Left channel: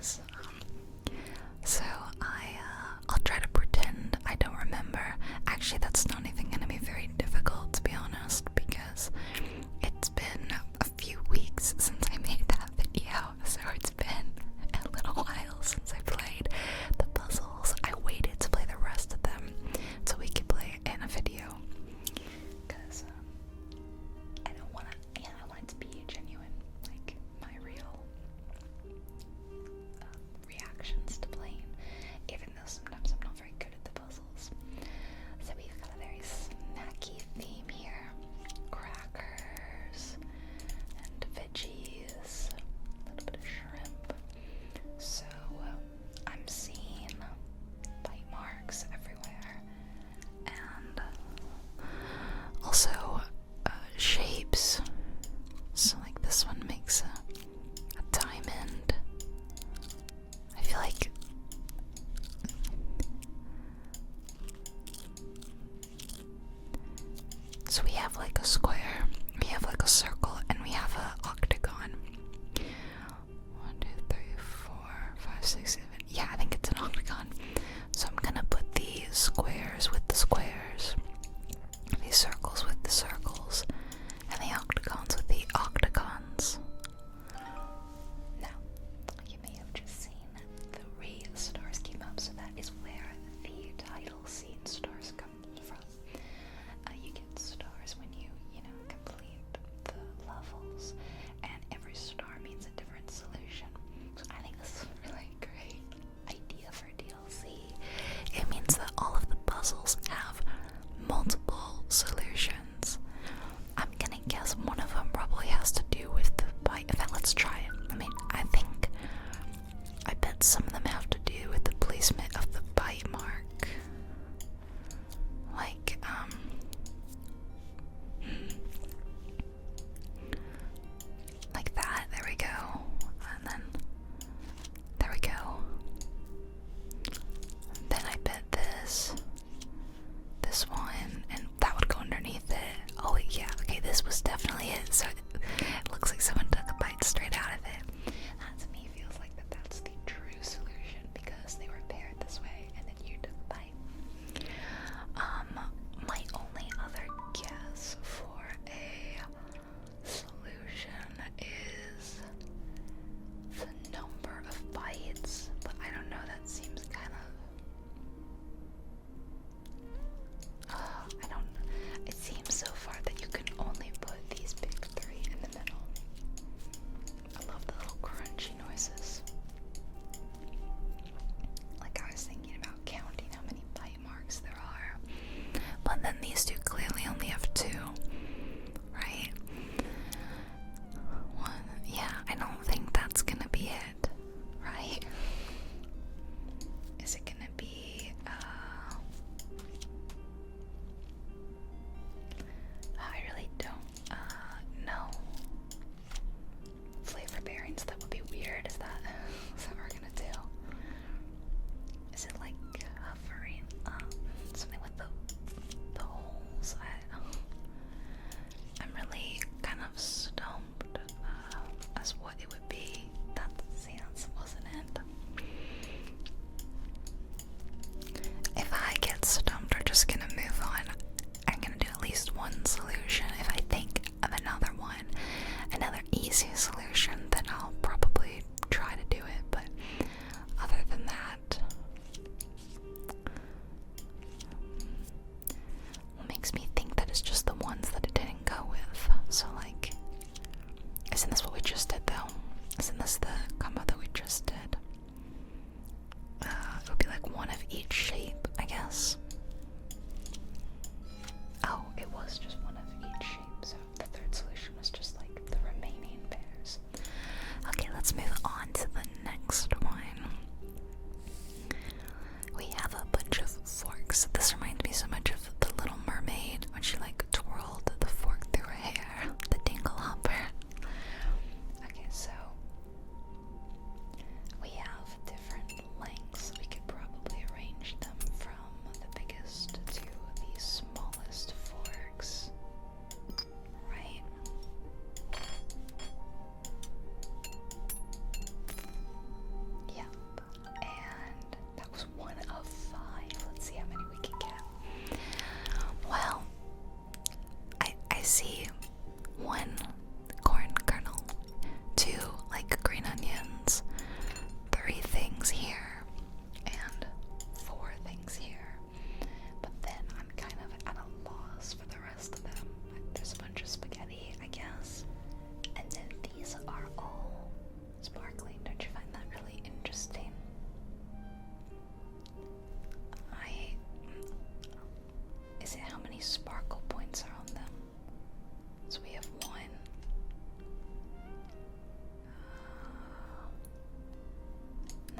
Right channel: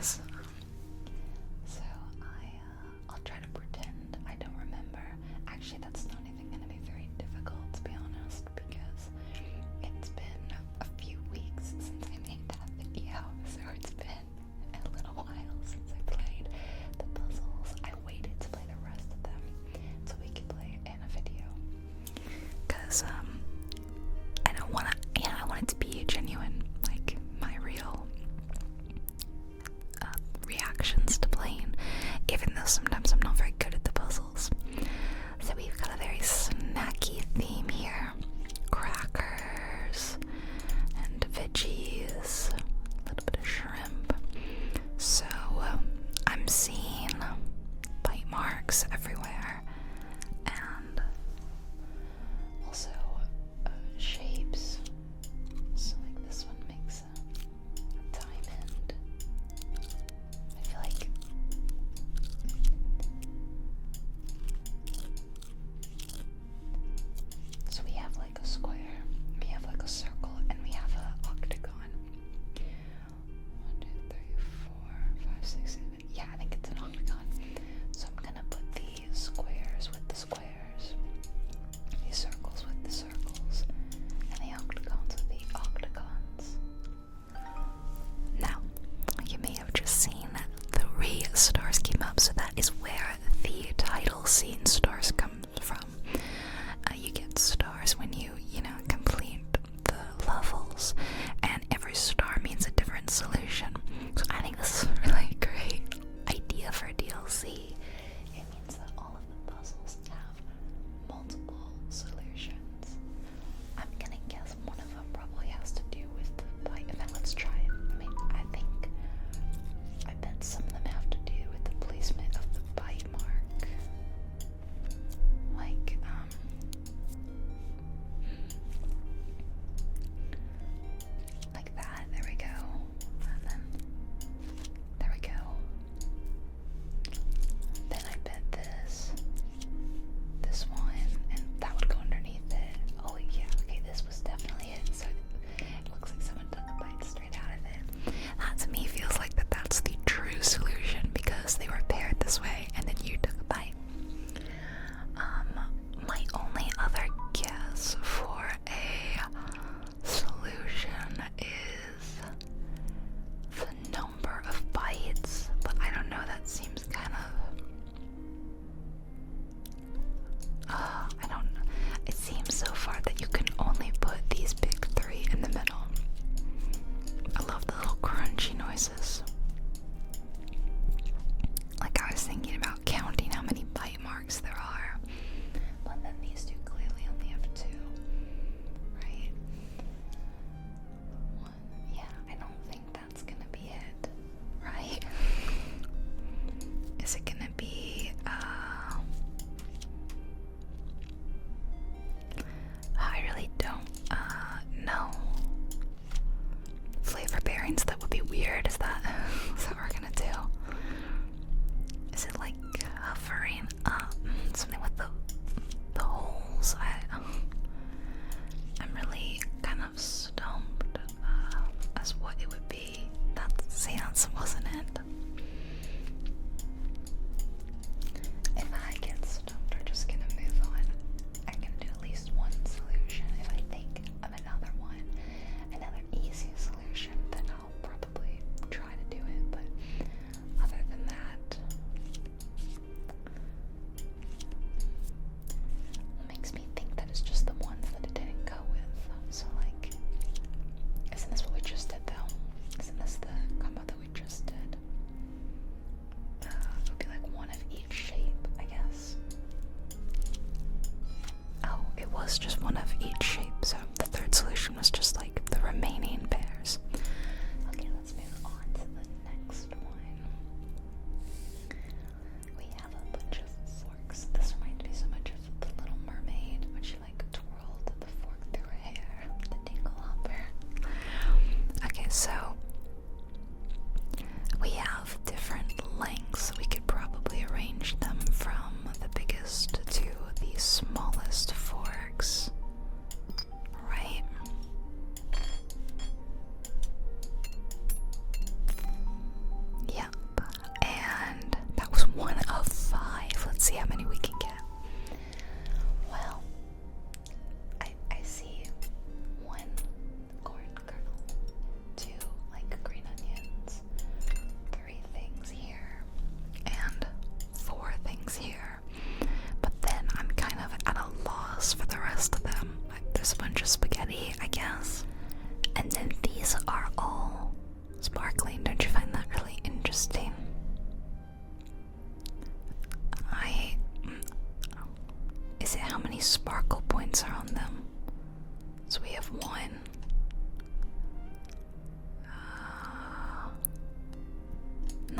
guys. So I'll try to pretend I don't remember. Actually, that's not even gonna be very difficult, to be honest, because it's been a few weeks since I made that video, so it's been a little while since I played the puzzles. I waited to play the rest of them so we could play it in a video, because I don't want to, I want it to be genuine, like my real reactions to playing, even though sometimes I'm not very good at the puzzles. So we've got a very snacky theme here. Crackers and veggies, a little bit of shrimp. So I'm seeing bite marks everywhere, and also shapes. So like this one makes a diamond. I feel like so we have like a square, we have like a circle, and we have an octagon. 1, 2, 3, 4, 5, 6, 7. Yeah, I think it's an octagon. So I'm gonna put the squares with the squares, the circles with the circles, and the octagons with the octagons. Now, you may have just seen the stars came up, so that is where the title scene stars come from. You get stars when you complete the levels, and every star means a different solution. So I think this is a really great idea for DLC. It means that all of the puzzles have multiple solutions. I'm gonna guess one of them probably has to do with the bite. In fact, let's try it. I bet some of them have to do with the placement of the bite mark. Like, like that. There we go. And then, there we go. Then I bet this one, and that would go underneath it. Oh yeah, okay, this was definitely it. So it looks like someone took a bite straight out of it. That to me feels like that's the true solution, because they were paired this way, and then you took a bite. My only other guess for a solution is the number of bites, but I don't know, that seems kind of I don't know. It seems so far that you can only put these big three in the middle. I love the little crunchy noises. Like, I was thinking about counting how many bite marks there are, but then these two clearly only have 2, right? One, yeah, I don't think that's gonna be it, right? Is it gonna be, I really don't, know. Flavor pairings, that would be weird. Is that what we're gonna do? Is it like hovering up? Something with the holes? I'm really kind of stumped as what it would be. That wasn't it. If I get stumped, we're just gonna move on. I'm gonna do at least one solution. If I think of another one, another easy solution, then I'll probably try to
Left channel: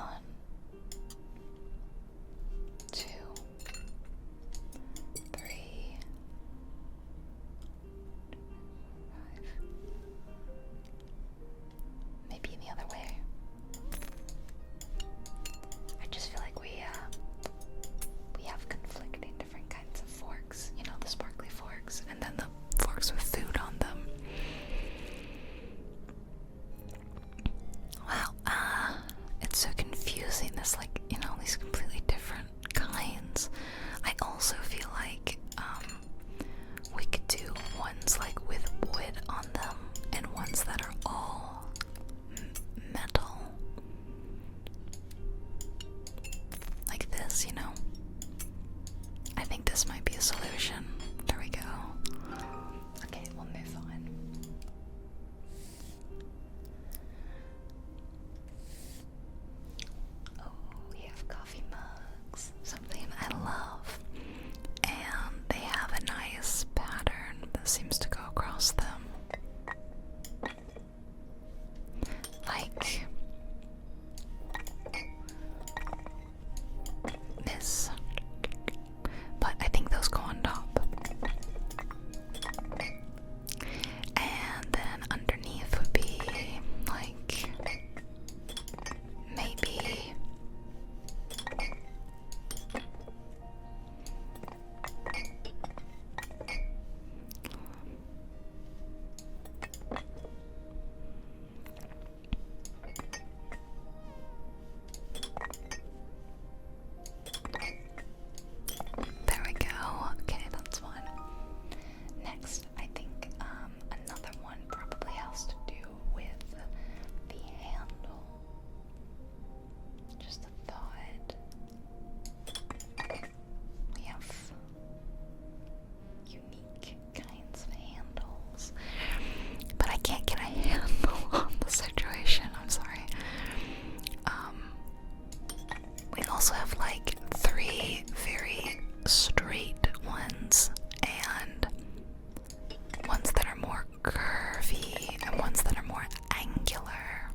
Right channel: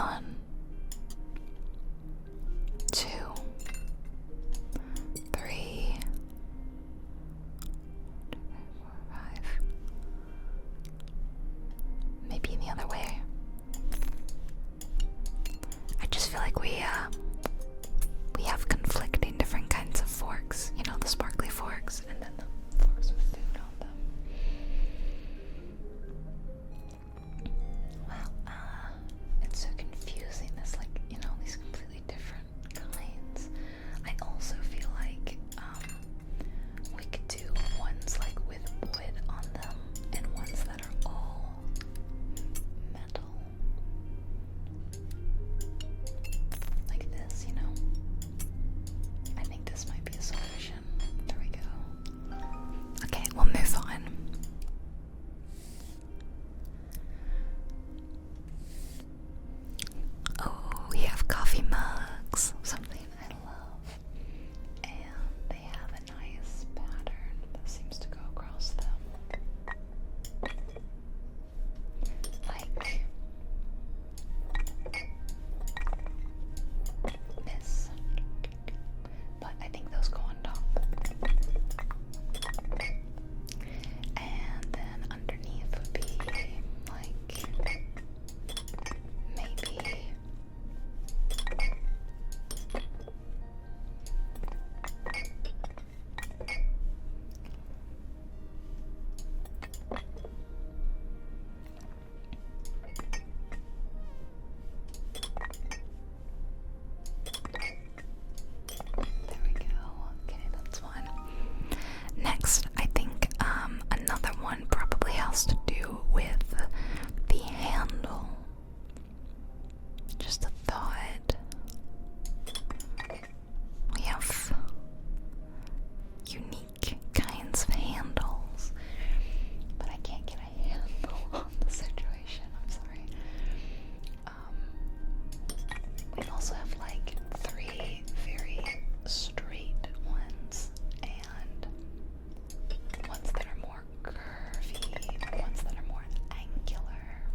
1, 2, 3, 4, 5. Maybe the other way. I just feel like we have conflicting different kinds of forks. You know, the sparkly forks and then the forks with food on them. Wow, it's so confusing. There's like, you know, these completely different kinds. I also feel like we could do ones like with wood on them and ones that are all metal. Like this, you know? I think this might be a solution. There we go. Okay, we'll move on. Oh, we have coffee mugs, something I love. And they have a nice pattern that seems to go across them. Like this. But I think those go on top. And then underneath would be like maybe there we go. Okay, that's one. Next, I think another one probably has to do with the handle. Just a thought. We have unique kinds of handles, but I can't get a handle on the situation. I'm sorry. We also have like 3 very straight ones and ones that are more curvy and ones that are more angular.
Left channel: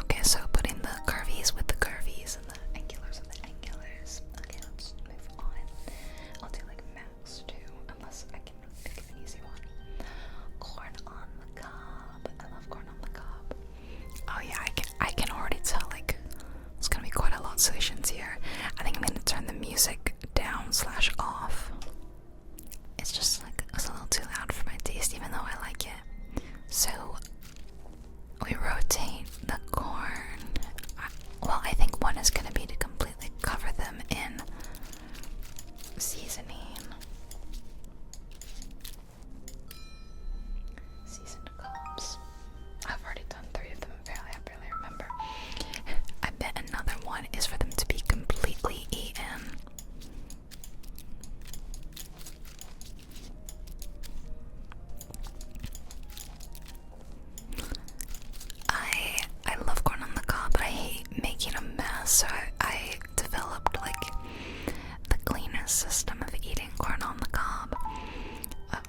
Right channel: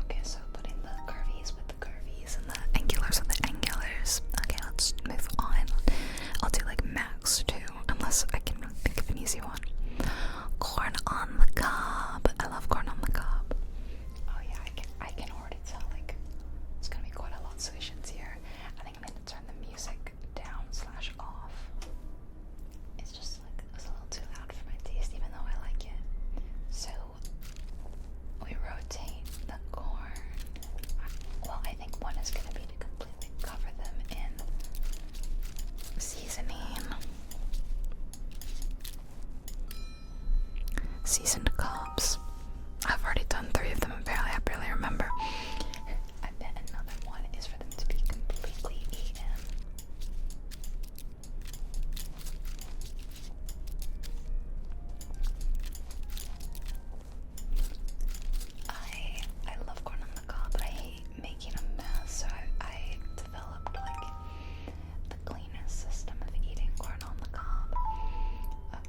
Okay, so putting the curvies with the curvies and the angulars with the angulars. Okay, let's move on. I'll do like max 2, unless I can think of an easy one. Corn on the cob. I love corn on the cob. Oh yeah, I can already tell like it's gonna be quite a lot of solutions here. I think I'm gonna turn the music down/off. It's just like it's a little too loud for my taste, even though I like it. So we rotate the corn. Well, I think one is gonna be to completely cover them in seasoning. Seasoned cobs. I've already done 3 of them, apparently. I barely remember. I bet another one is for them to be completely eaten. I love corn on the cob, but I hate making a mess, so I developed like the cleanest system of eating corn on the cob.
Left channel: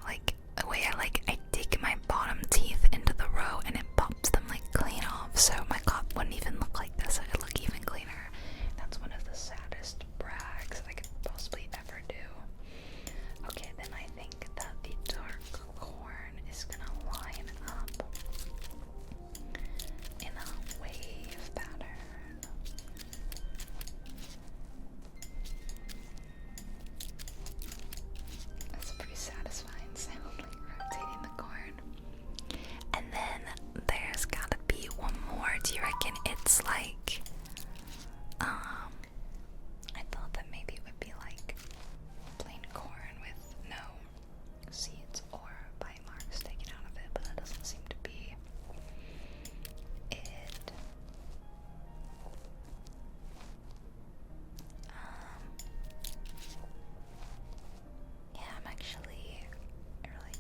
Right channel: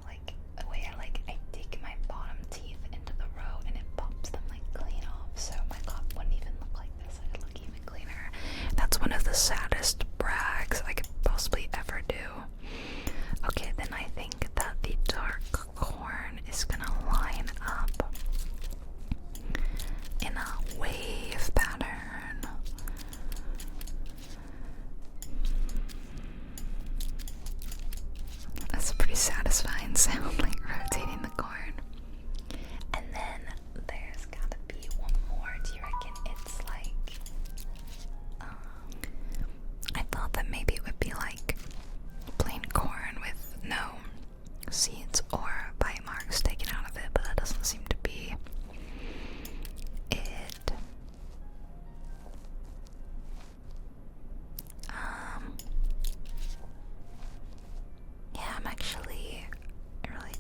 Like a way I dig my bottom teeth into the row and it pops them like clean off, so my cob wouldn't even look like this. It would look even cleaner. That's one of the saddest brags I could possibly ever do. Okay, then I think that the dark corn is gonna line up in a wave pattern. That's a pretty satisfying sound, like rotating the corn. And then there's gotta be one more. Do you reckon it's like I thought that maybe it would be like plain corn with no seeds or bite marks taken out of it, but that doesn't seem to be it. Yeah, I'm actually really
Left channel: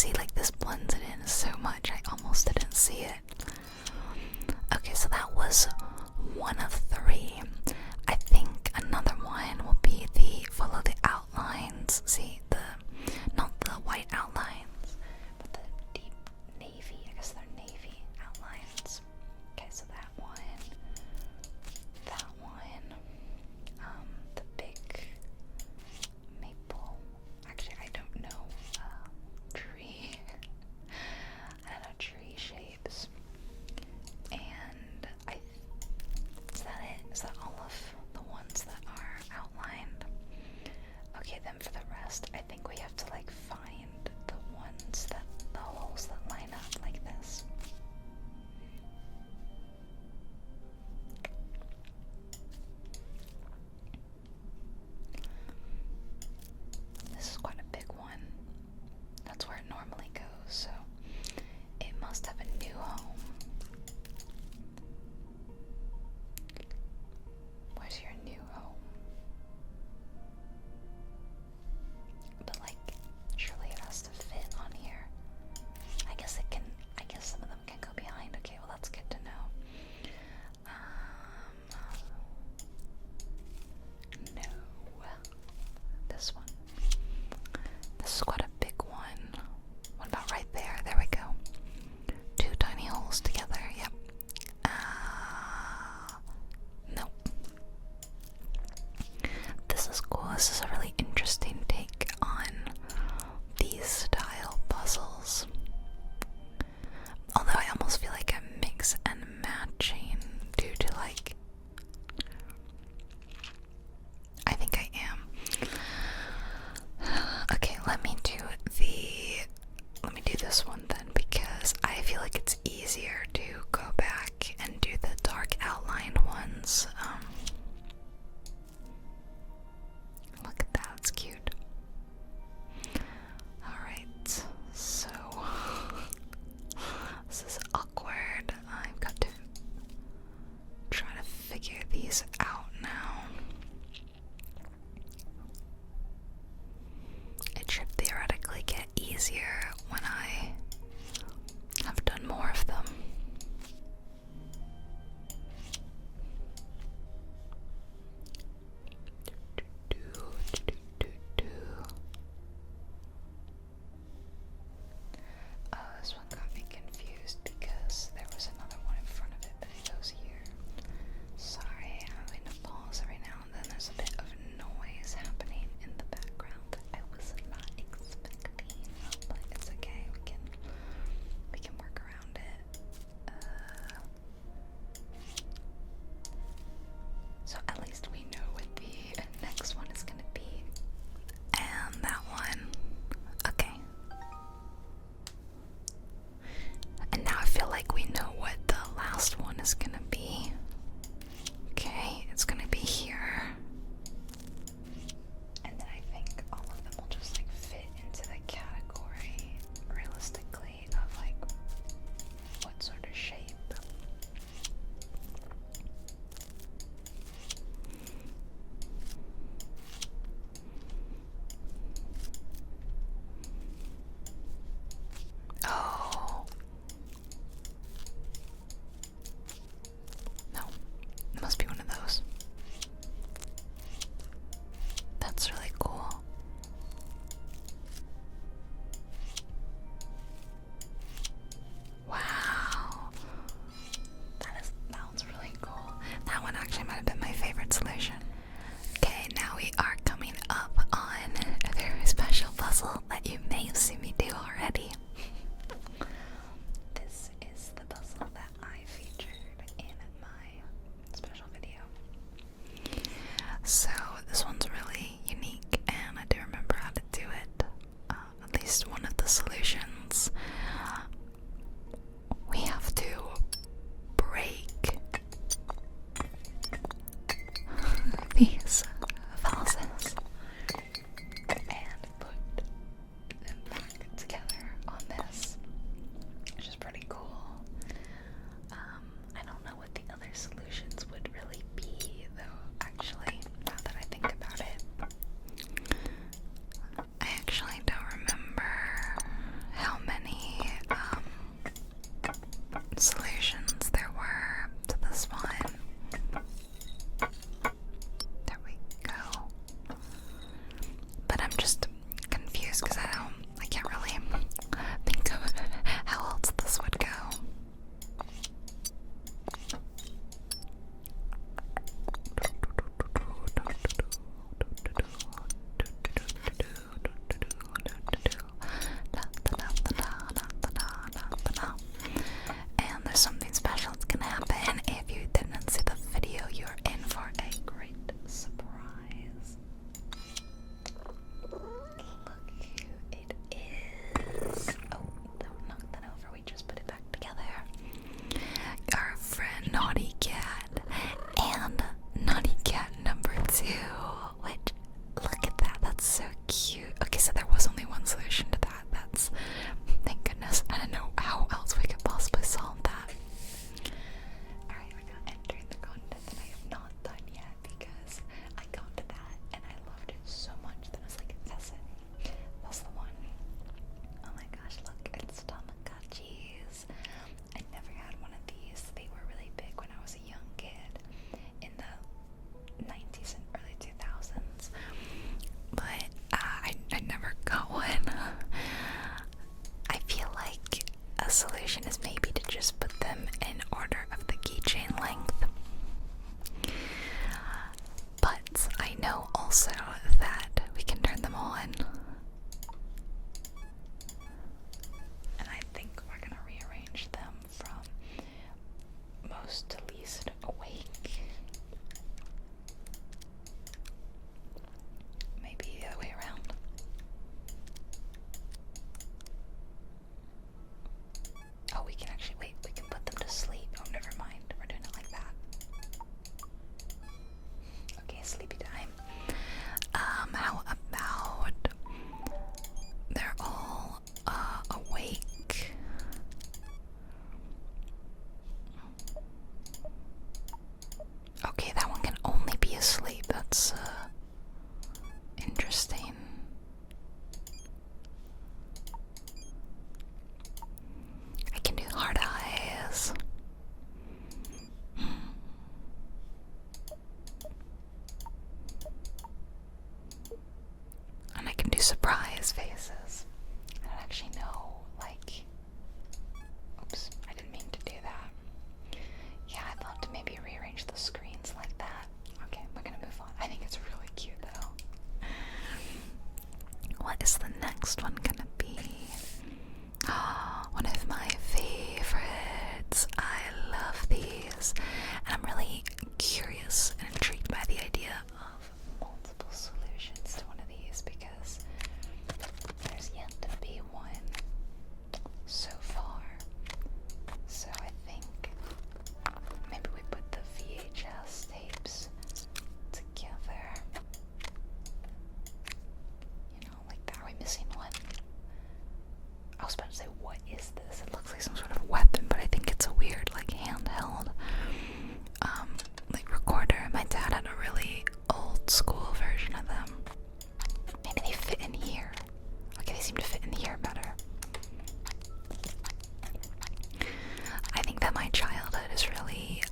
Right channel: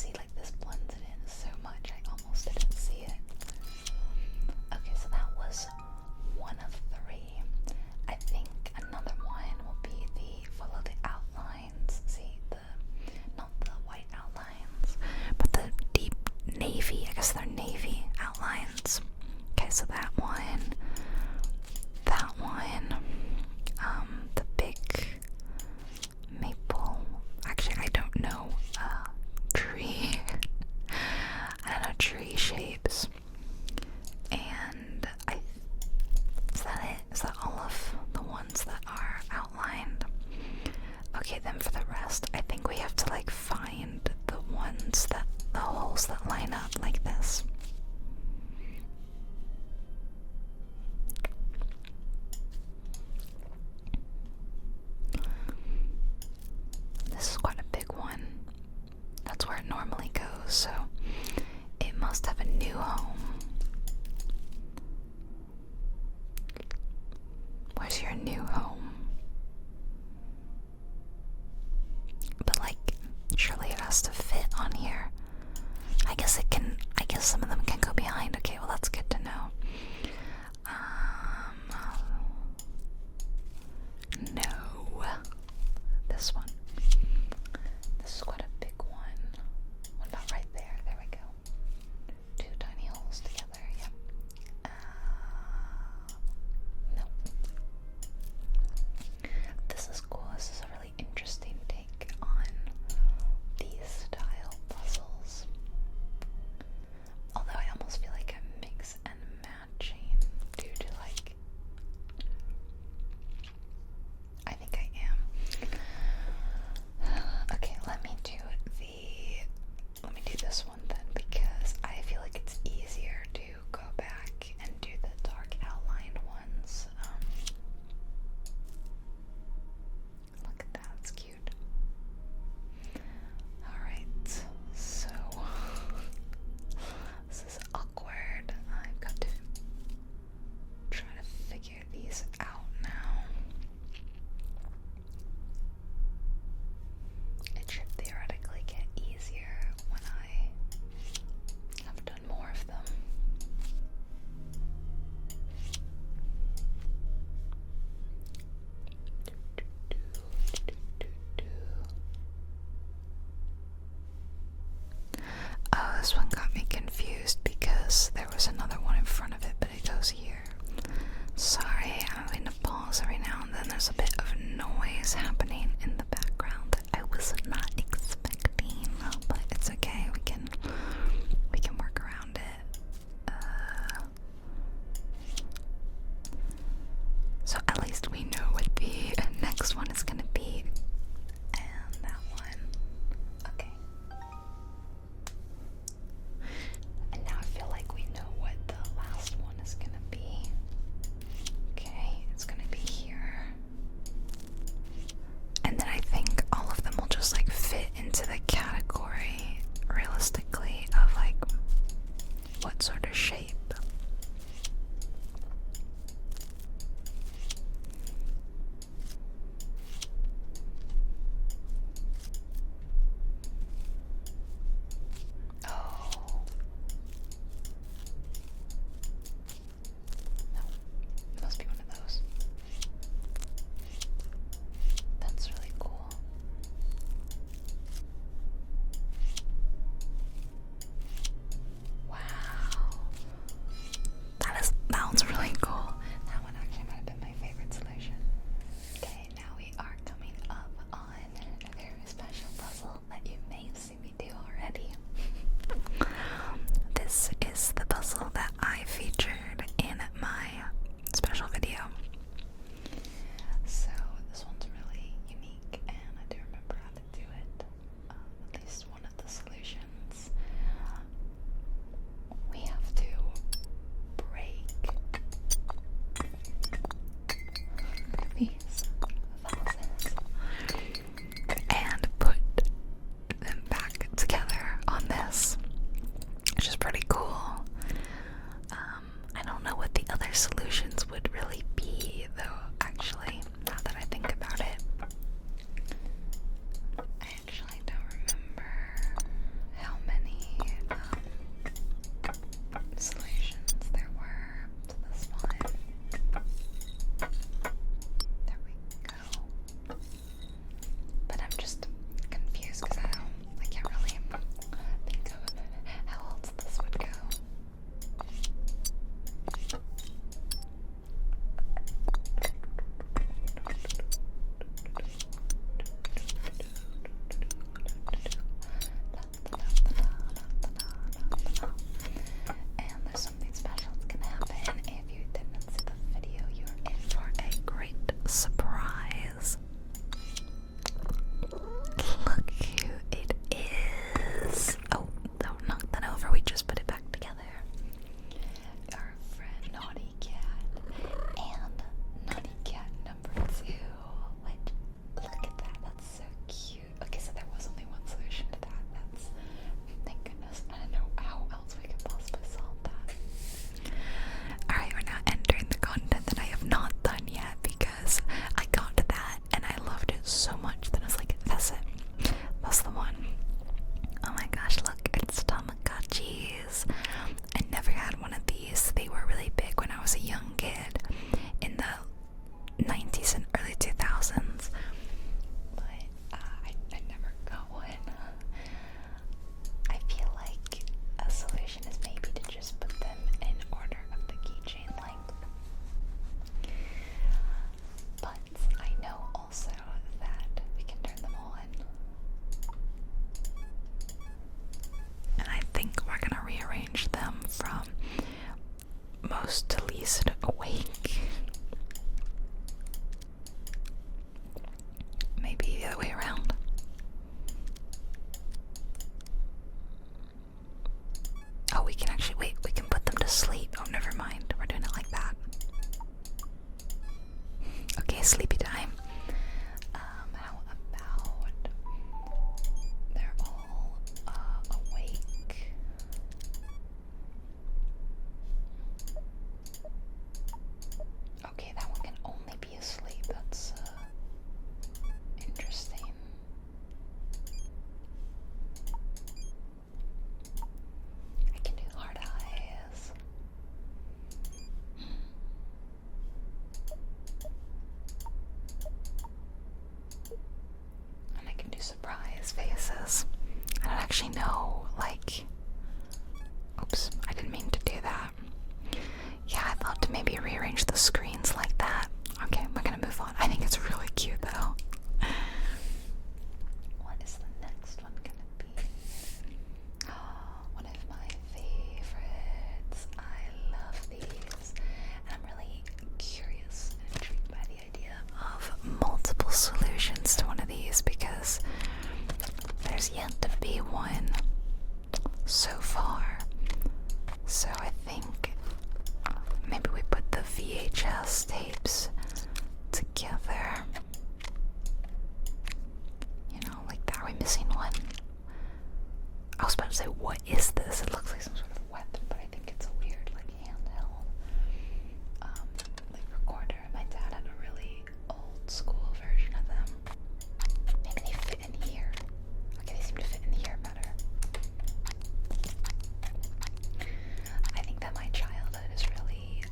see, like, this blends it in so much, I almost didn't see it. Okay, so that was one of three. I think another one will be the follow the outlines. See, not the white outlines, but the deep navy, I guess they're navy outlines. Okay, so that one, the big maple, actually I don't know, tree, I don't know, tree shapes, and is that it? Is that all of the ones that are outlined? Okay, then for the rest, I think we have to like find the holes that line up like this. This is quite a big one. That's where it normally goes, so it must have a new home. Where's your new home? But like, surely it has to fit on here. I guess it can, I guess some of them can go behind. Okay, well that's good to know. No. This one. This is quite a big one. What about right there? There we go. Two tiny holes together, yep. Nope. This is cool. This is a really interesting take on these style puzzles. Although I almost feel like I'm mix and matching due to like, I think I am. Okay, let me do this one then, because I feel like it's easier to go back and do the dark outlined ones. Look at that, it's cute. Alright, so this is awkward. I've got to try to figure these out now. It should theoretically get easier when I have done more of them. Oh, this one got me confused because there was another one in front of it, but it goes here. Sorry, I'm having to pause every now and then. There's a bit of noise happening in the background that I was not expecting, but it's okay. We can work around it. So at least we know what the next one is gonna be, and that one. Okay. And now I feel like we know what the last one is gonna be. Okay, it's gonna be here. And then I think all of them will just like fit into the category realistically of like what sort of shape. Oh. No, it must be one of those. That's really cool. Wow. That one's really cool. That one actually might have been my favorite solution. Okay, now we are coming up on a very special puzzle that you may have seen me do already. This is the puzzle that I featured in my special video. So this one's really unique, and I do remember how to do it. At least one of the solutions. We have to break these vases and put them back together on this, which is pretty cool. I don't know what the other solutions would really be, though, actually, now that I think about it. I actually don't remember how actually no, like, oops, I didn't mean to do that. Yeah, I'd love to maybe rearrange the screens like that. Okay, we're gonna move on. I think it's really cute though. What is the next one gonna be? One of my favorites. I love these. And I'm really curious and intrigued by the idea of multiple solutions to one of these because there's yet to be one so far. So I think maybe we put the VHS tapes together. You know, like that. Are we missing one? I was about to say, what is this? It looks like some sort of weapon, but I think it's a weird, like, handheld, like, recorder. My dad had a really old school version of them. Maybe they fit in here. Okay, they seem to fit in here better. I think that my childhood is really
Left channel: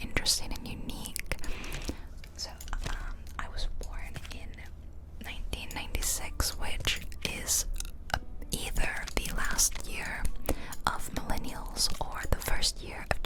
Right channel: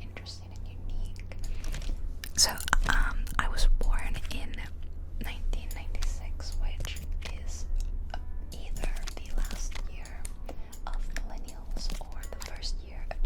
interesting and unique. So, I was born in 1996, which is either the last year of millennials or the first year of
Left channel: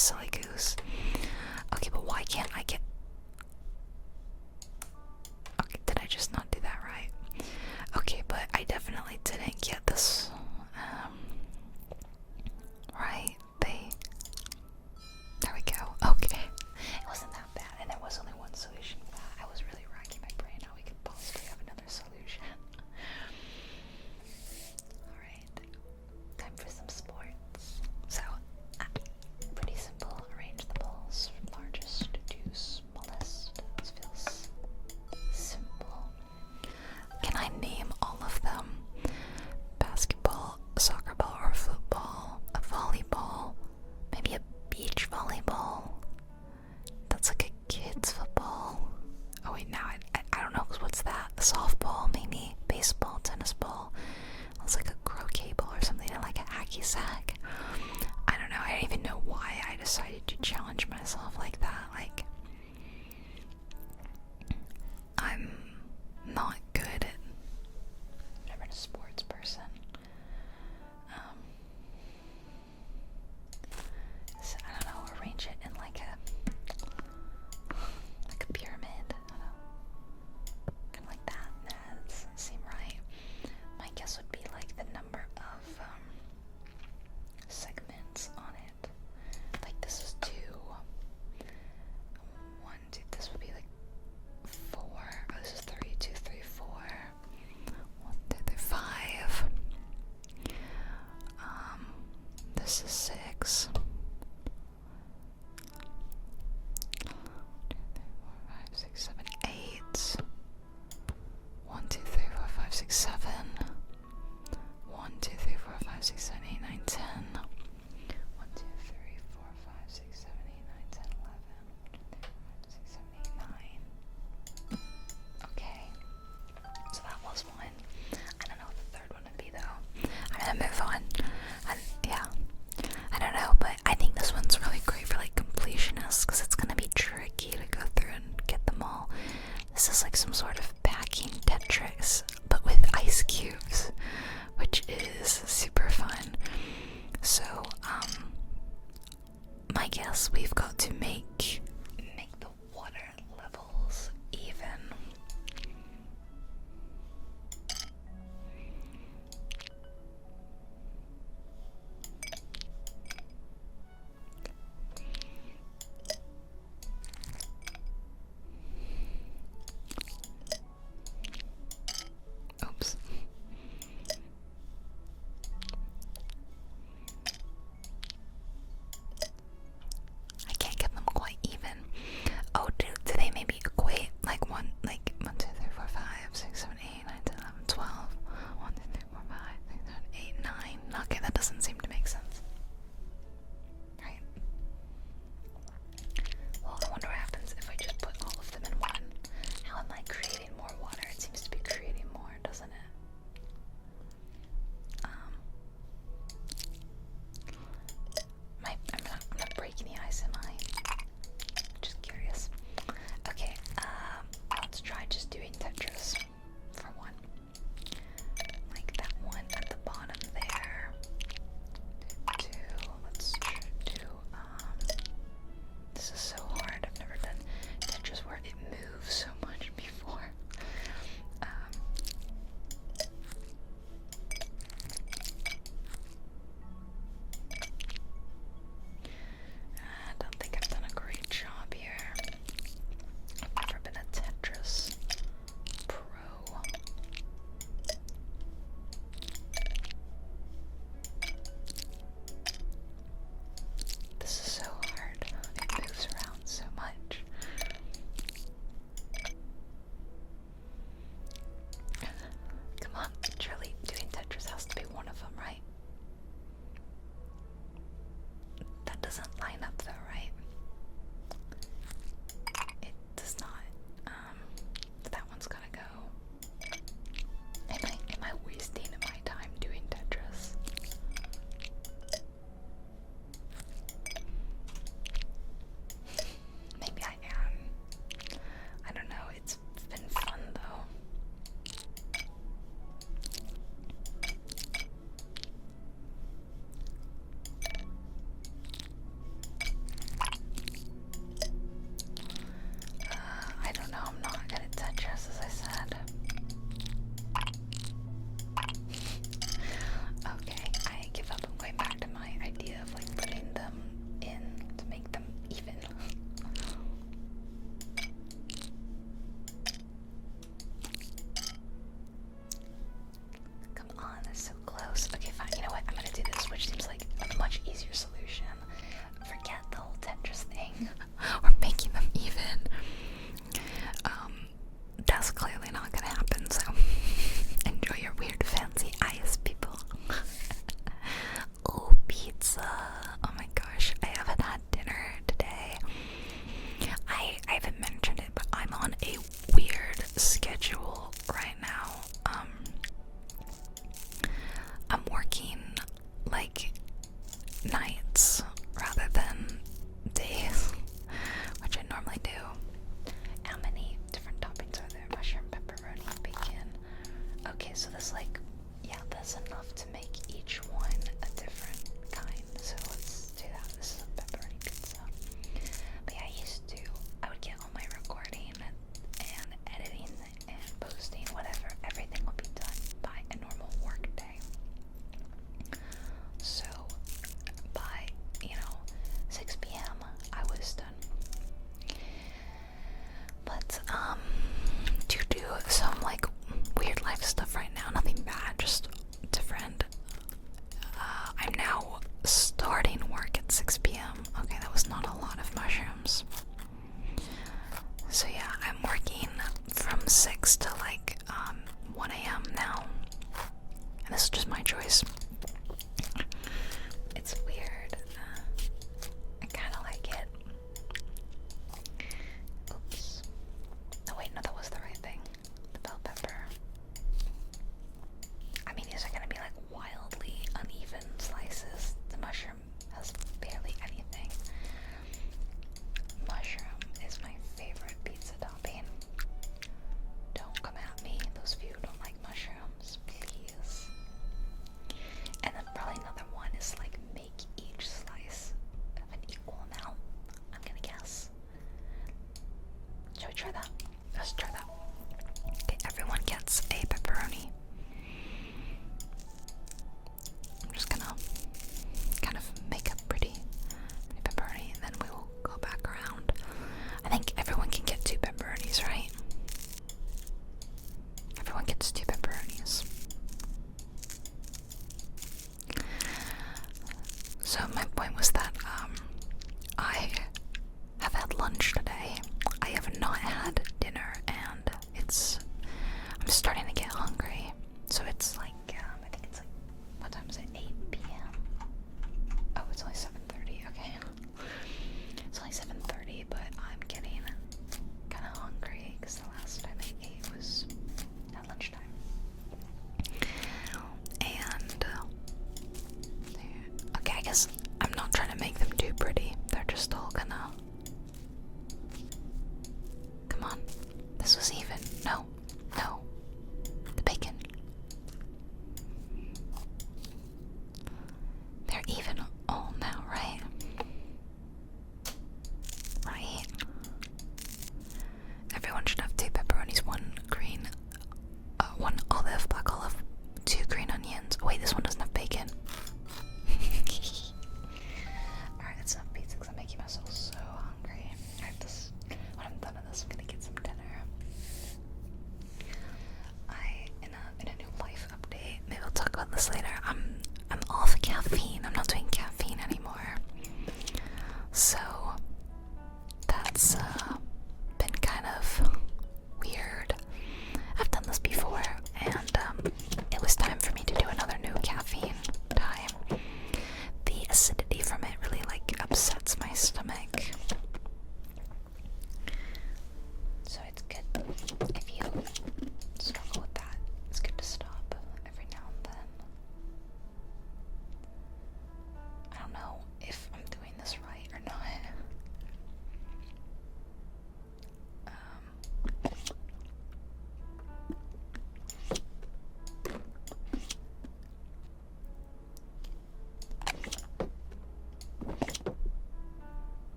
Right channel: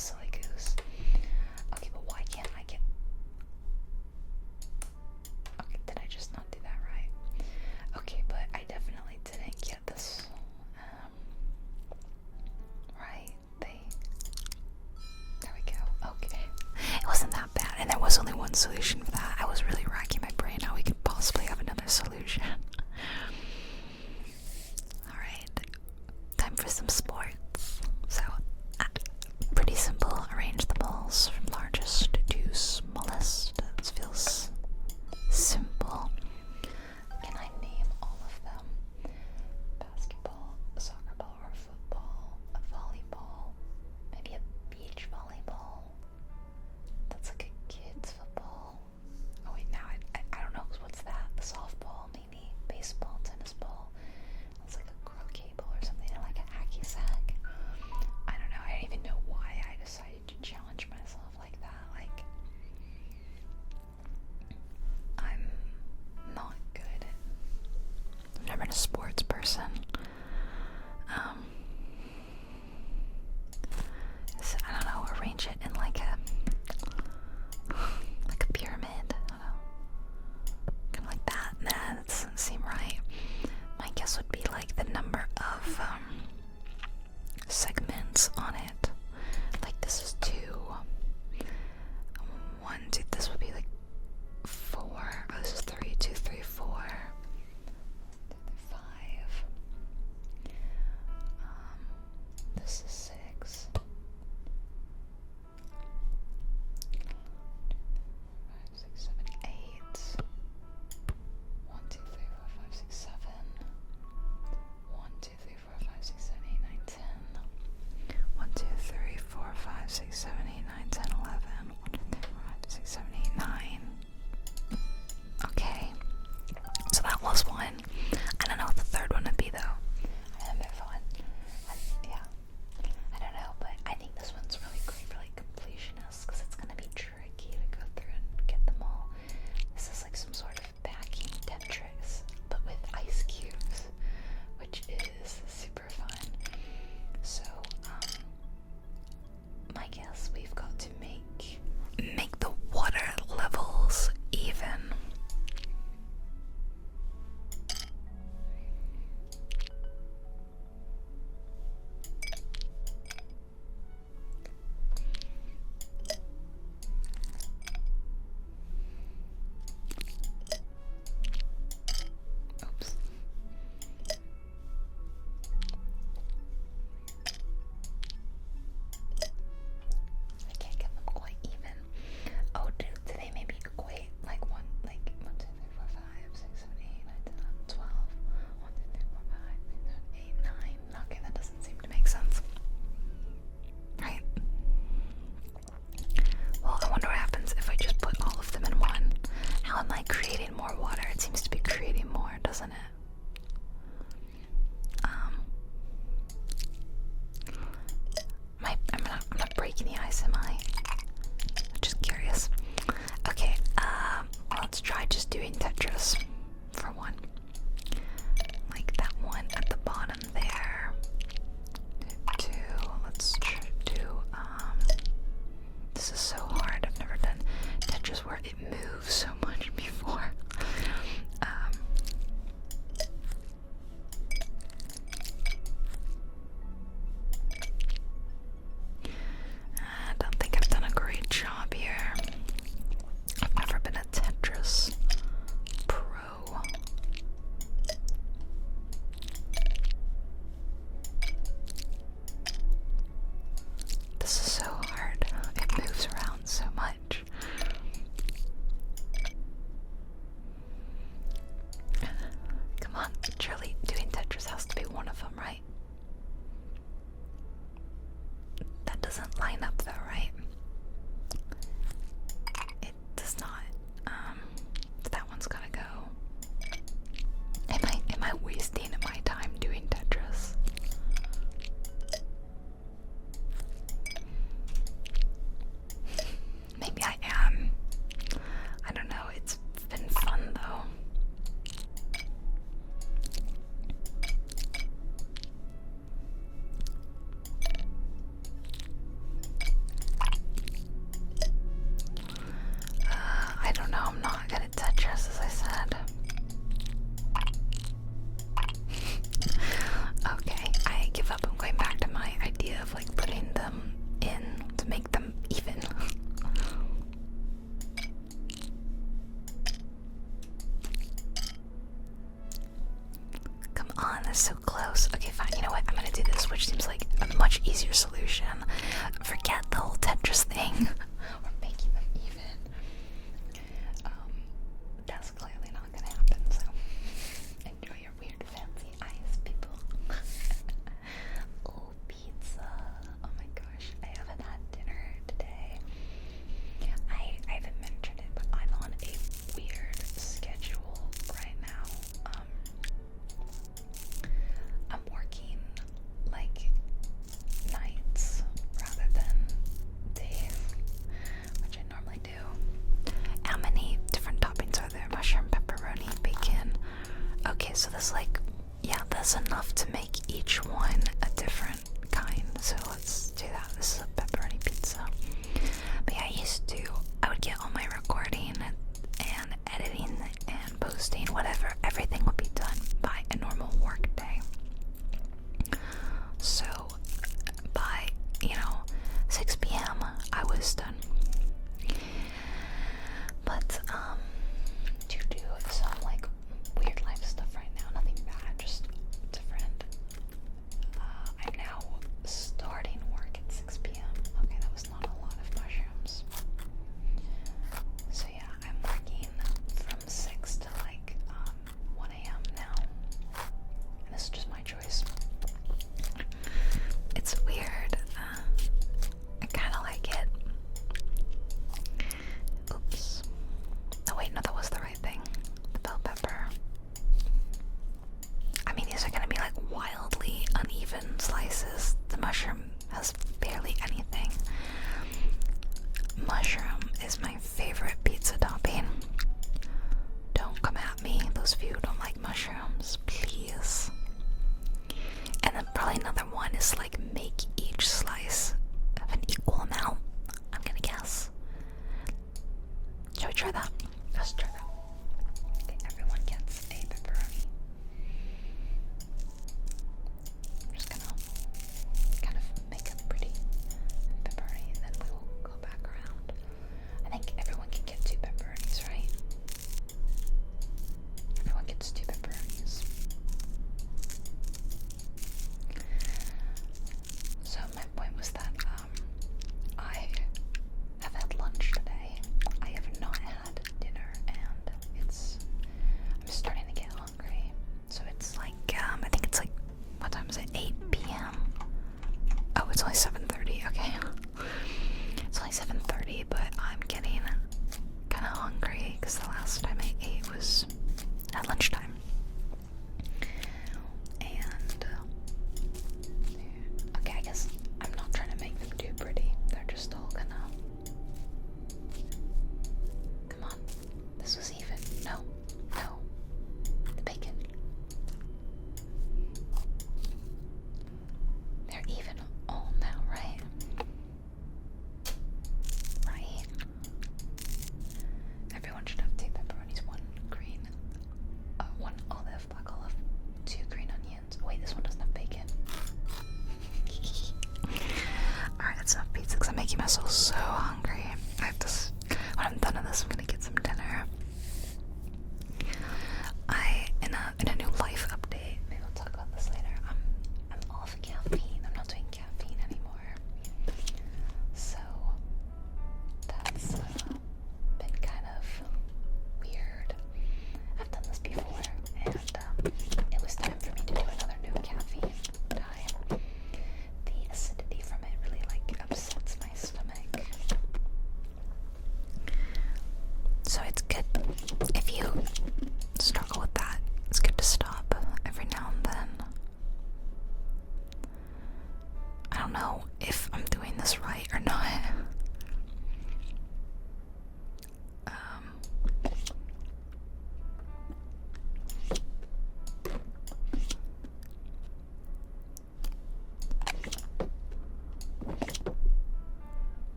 silly goose. Okay, but why can't I get... Okay, did I just not do that right? Okay, but I definitely didn't get this, right? There we go. Okay. It wasn't that bad, and there was only one solution for that. I was really racking my brain how we could possibly have another solution. Alright, time for some sports. So, pretty simple. Arrange the balls from largest to smallest. This feels simple. Can I name all of them? Basketball, soccer ball, or football? A volleyball? Maybe a beach volleyball? That's like a kid's football. Oh wait, now I don't know, what's that? A softball, maybe? Baseball, tennis ball? It's like a croquet ball or something, and like a hacky sack. I don't know, I don't even know why I decided to challenge myself like that. Like, I'm not good at... I've never been a sports person. So I don't know, arrange it in like a pyramid. I don't know. Kind of like that. Nah, that doesn't seem right. My guess would be like the number of segments on it. Like this is 2. 1, 2. This would be like 4. Oh, this is 3. 2, 3, 4. 1, 2, 3, 5. This is 6. 2, 3, 4, 5, 6, 7, 8. 1, 2, 3, 4, 5, 6, 7. 1, 2, 3, 4, 5, 6, 7, 8, 9, 10. 1, 2, 3, 4, 5, 6, 7, 8, 9, 10, 11. 1, 2, 3, 4, 5, 6, 7, 8, 9. Okay. So that was one. I don't know what the third one would be though. I'm gonna move on. Yeah. I don't know, but I think this one's really great for like completionists because it's gonna be tricky to go through and get them all. This is like some sort of packing Tetris, but with ice cubes, which is super fun. So, my guess, we've got to make the water levels even. Oops. I can't get them quite even. Oh, do they maybe equate like 1, 2, 3, 4, 5, 6, 7, 8, 9, 10, 11, 12. 1, 2, 3, 4, 5, 6, 7, 8, 9. Okay, that doesn't seem to make sense. Right? Well, I wonder what happens if I just put all of them in one. How am I creating more water? It seems to be creating more, doesn't it? I'm not breaking the ice, am I? Just curious. Okay, let's try just doing Tetris for one. Like that one at the bottom there. 2, let's do, this is so hard. I've never done Tetris where it moves so much before. I don't think I've done a great job here. I've never been a Tetris pro. This is so hard. It moves around so much. Come on, surely doing Tetris has to be one of them, right? That doesn't line up though, right? It does not. That one's gotta go. Am I wasting my time doing Tetris? Maybe I am. I don't know, it's been fun though. much easier solution. Forget the whole Tetris thing or making them even. That's clearly not gonna happen, so enjoy your weird fancy eyes, people. Oh, pizza. Oh my gosh, I haven't had dinner today. I haven't mentioned it, but I'm on a weird schedule right now. I'm working like nights rather than days, which I normally do. How many different toppings are there? Mushroom, pepperoni, bacon. Okay, so there's like, yeah, that's enough to make each one a different kind. So let's do that. This is a pepperoni pizza. But yeah, I would get all my recording and editing and posting, whatever. Everything would be done by a normal work day. So by, 6 p.m. I was done. But to do some like weird life stuff right now, nothing bad, just different. I'm now starting work at 6 p.m. Okay, that was not a lot of mushrooms. So yeah, I'm working from 6 to like 1 a.m. now. And this is just my choice. It's weird. I kind of like it. Oops. Oh wait, no, that was the right thing. The bell pepper. I mean, these are gonna be like wildly uneven slices. The mushroom has barely anything. Mushroom is my favorite pizza topping. Don't come at me, those of you who don't like mushrooms, please. And then probably another one is like make each slice of an equal amount. I'm gonna guess. Shall we try that? Let's try that. Okay, everyone gets a pepperoni. I'm just gonna kind of make a pretty pepperoni, and then we will go back around. I think everyone can get 2 pepperonis, right? Everyone gets 2 pepperonis. So my point was that I have had lunch today. I have not had dinner, and I'm starting to get hungry. So it's like I think it's like, what time is it? 8 p.m. Oh, it's only 7:30. Okay, it's only 7:30, but I'm getting kind of hungry because the last time I ate was at lunchtime. And okay, I guess I'm not trying to make them too pretty. They're just all gonna. Come on, this was even. No, the bacon. They're even all now, right? Right. Everyone should have 2 pepperonis, one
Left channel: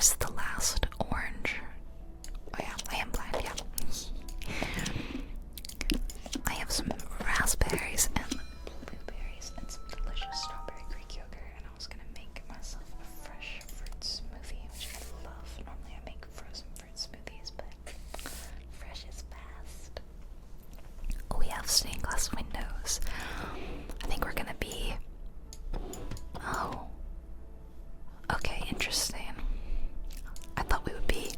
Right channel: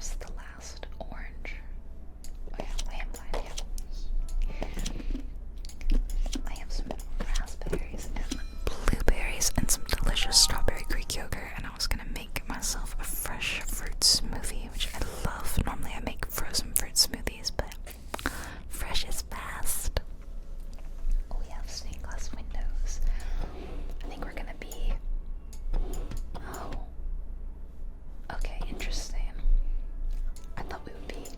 where's the last orange? Oh yeah, I am blind, yeah. I have some raspberries and blueberries and some delicious strawberry Greek yogurt, and I was gonna make myself a fresh fruit smoothie, which I love. Normally I make frozen fruit smoothies, but fresh is best. We have stained glass windows. I think we're gonna be... Oh. Okay, interesting. I thought we would be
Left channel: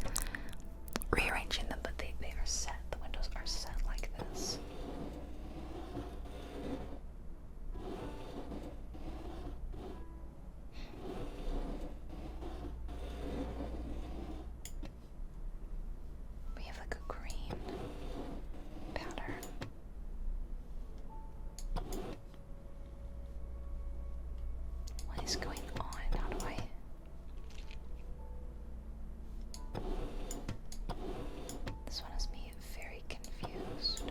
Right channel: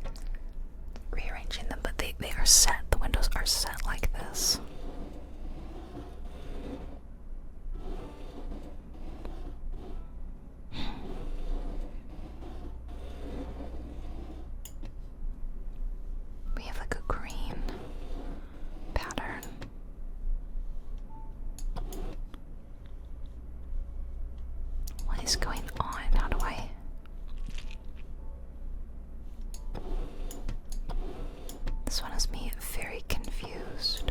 rearranging them, but they are set. The windows are set like this. We have like a green pattern. What is going on? How do I... This one has me very confused.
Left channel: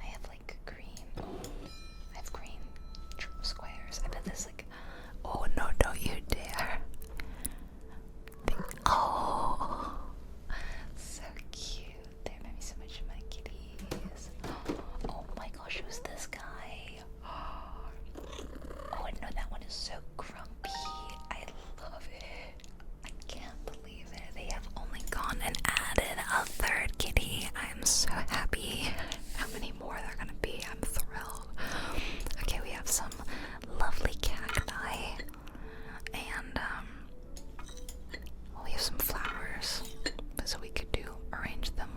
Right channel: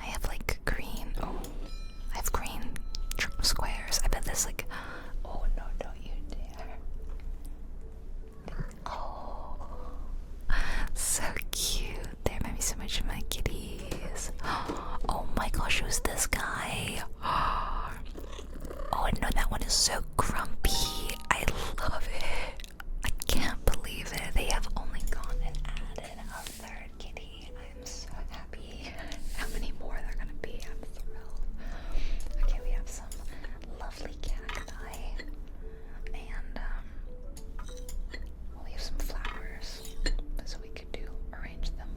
I have like green. Oh, I have green squares. I bet this like. Oh no! Don't you dare! Oh, so cute. They remind me so much of my kitties. Oh my gosh, who's this guy? Oh no, that one is so grumpy. I love it. I can't believe it. They have only gone and added a third kitty. I am so happy. How many more there are gonna be? I'm thrilled. Okay, we have some lovely cacti, and well, we have some flowers, so we could arrange them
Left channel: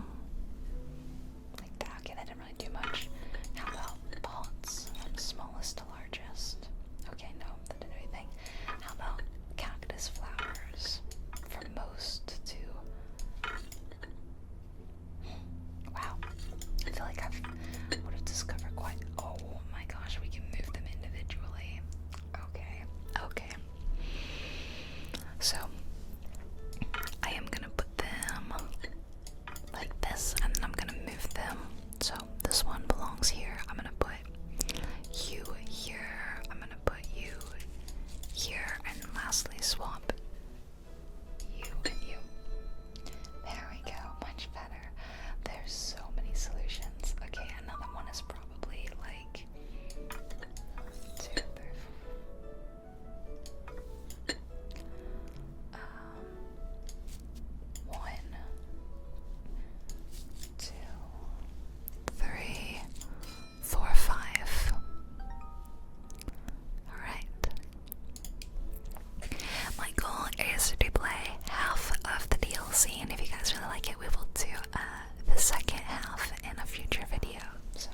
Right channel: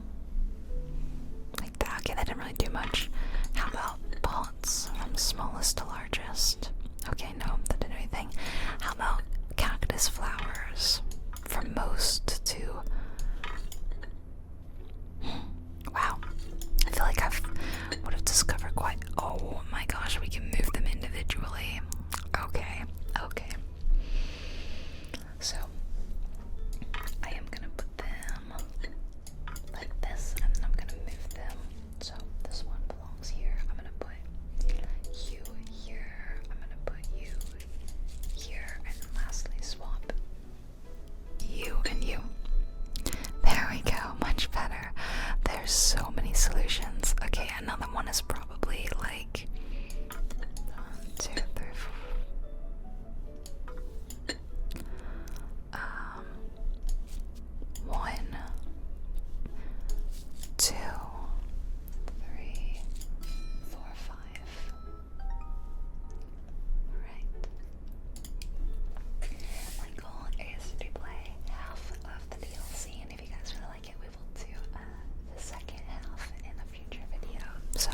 like that. Okay, that didn't really do much. How about pots from smallest to largest? Okay, no, that didn't do anything. How about cactus flowers from most to... Wow, I feel like I would have discovered quite... Oh my gosh, we can move them individually. Okay, okay. So, I am gonna put them like this, and then I'm gonna move them. So, this one belongs here. I'm gonna put you here. I'm gonna put you here, and lastly swap you and you. There we go, much better. There's so many solutions. Okay, another one is probably like 1, 2, 3, 4. 1, 2, 3, 4, 5. Alright. My goal is to play half of the DLC, and if you guys really like it, we will do the second half in a future video. So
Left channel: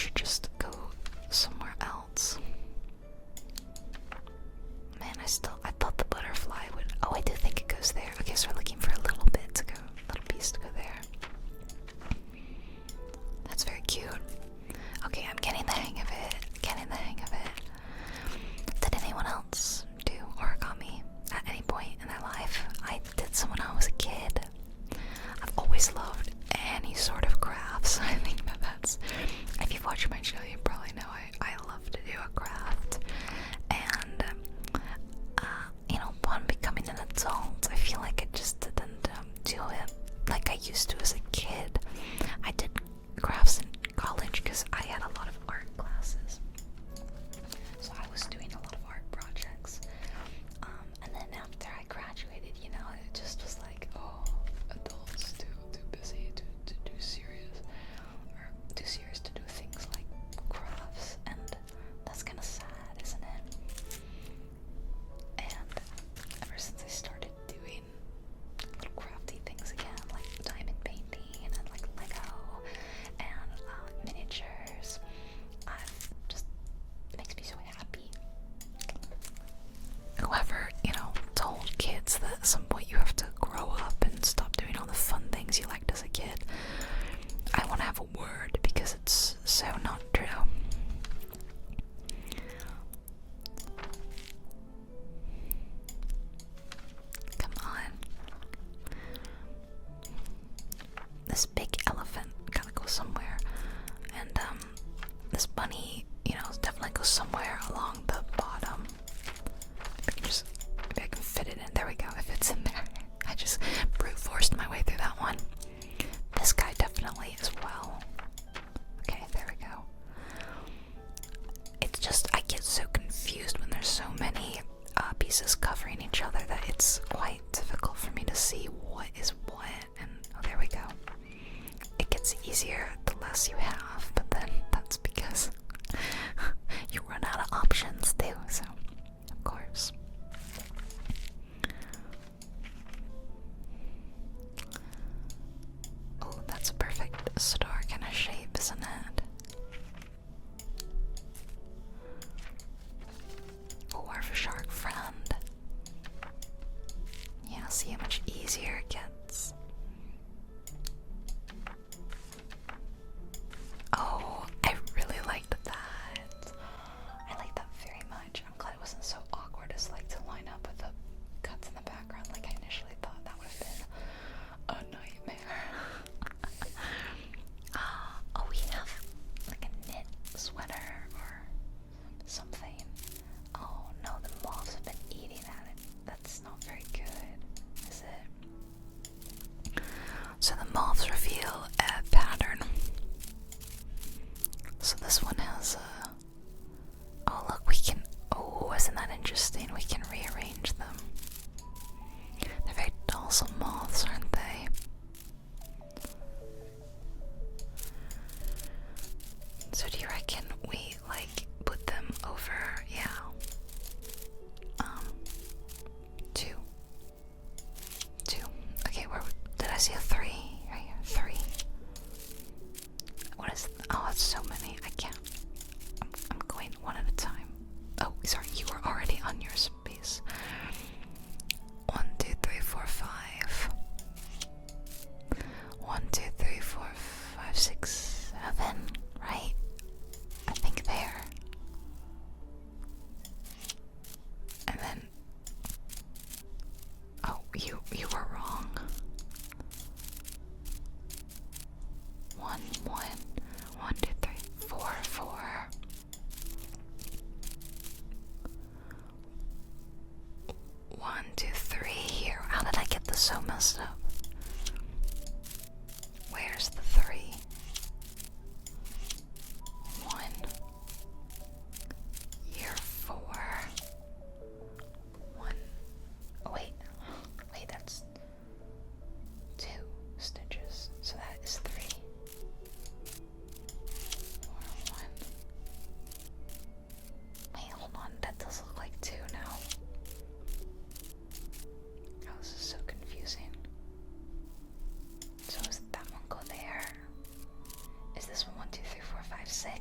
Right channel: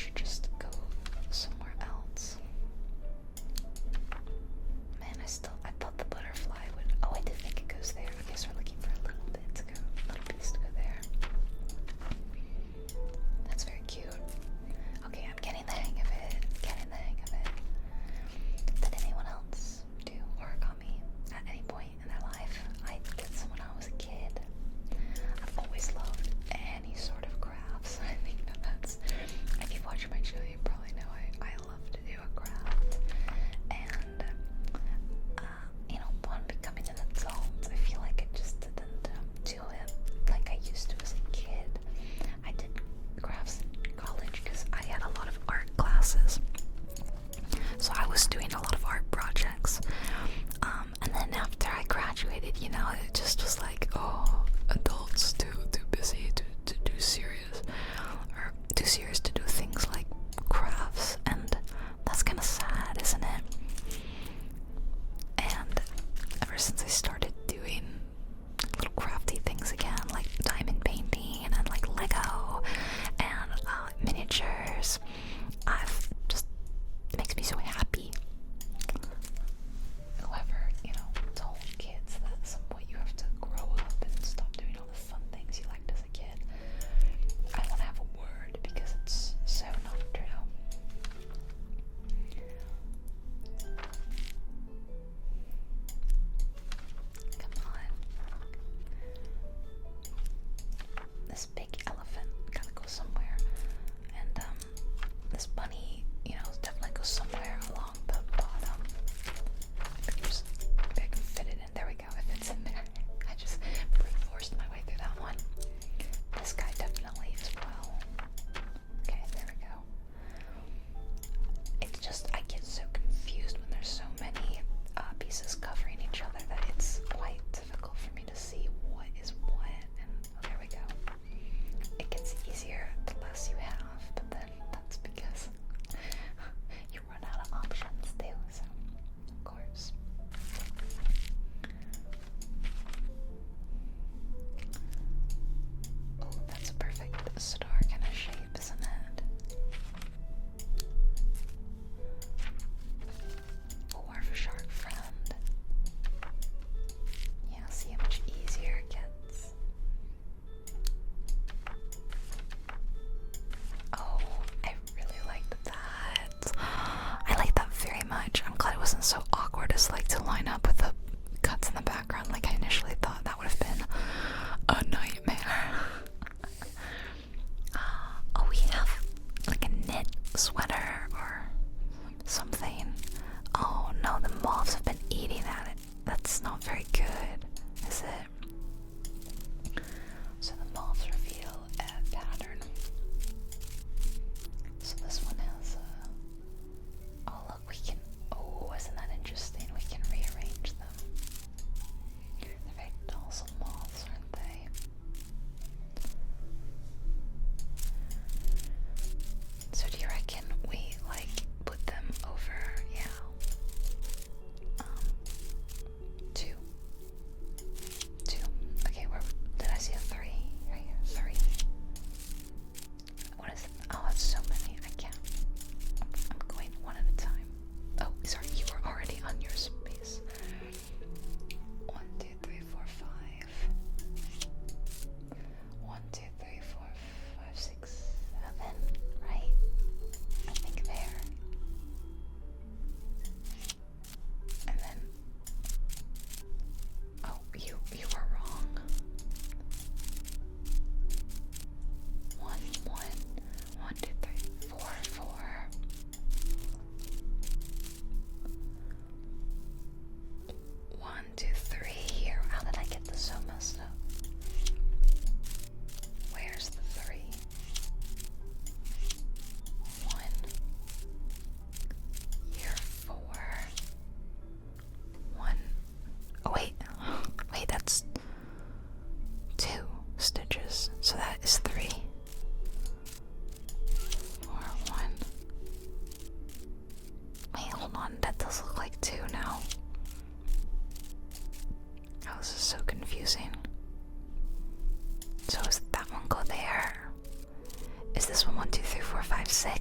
should just go somewhere else. Man, I thought the butterfly would. Oh, I do think it goes there. Okay, so we're looking for a little bit to go, little piece to go there. That's very cute. Okay, I'm getting the hang of it. Getting the hang of it. Did anyone else do origami at any point in their life? I did some when I was a kid. I've always loved any sort of crafts. I think that's. If you've watched my channel, you probably know I love to do a craft. And you know, upon becoming an adult, I feel like I just didn't do it like I used to as a kid. I did crafts in college because I had a lot of art classes, so I was doing a lot of art projects. And then after I graduated, you know, it just was like, oh, adults too busy to do serious, or too serious to do things like crafts, and that's kind of sad, isn't it? And ever since I started doing little crafty things again, like diamond painting and like Lego and miniatures, it makes me so happy. However, you know, told kids that at some point you have to grow up and stop doing all the fun things you liked as a kid. I want to have a word because it's so not true. Come on. This big elephant gotta go somewhere. And this bunny, you know, definitely goes somewhere along the bottom. Maybe I can fit it in. There we go. If it's in there. I just brute forced my way through that one. This guy definitely as well. Okay, there we go. It's just, I get so confused when there's so many pieces covering each other that it's quite difficult for me to see what is what. And oh, there we go. It gets easier the less you have, but then that's because you run out of options too, so of course. Oh, that's a perfect star kind of shape, isn't it? Oh, our shark friend. Yeah, see how much easier it gets. Oh, I really liked that. I like that very much. I'm glad it wasn't so awkward as like to line up with the cuts in the background like I initially thought. That would have been a nightmare. Oh, we have like a knit sweater or something. Oh no, the moths have been eating at it. That's not very good, is it? So the moths reveal a pattern. So this one has a... Oh look, we can... Oh, isn't that interesting? We can rearrange them. They're very docile moths, aren't they? So do you reckon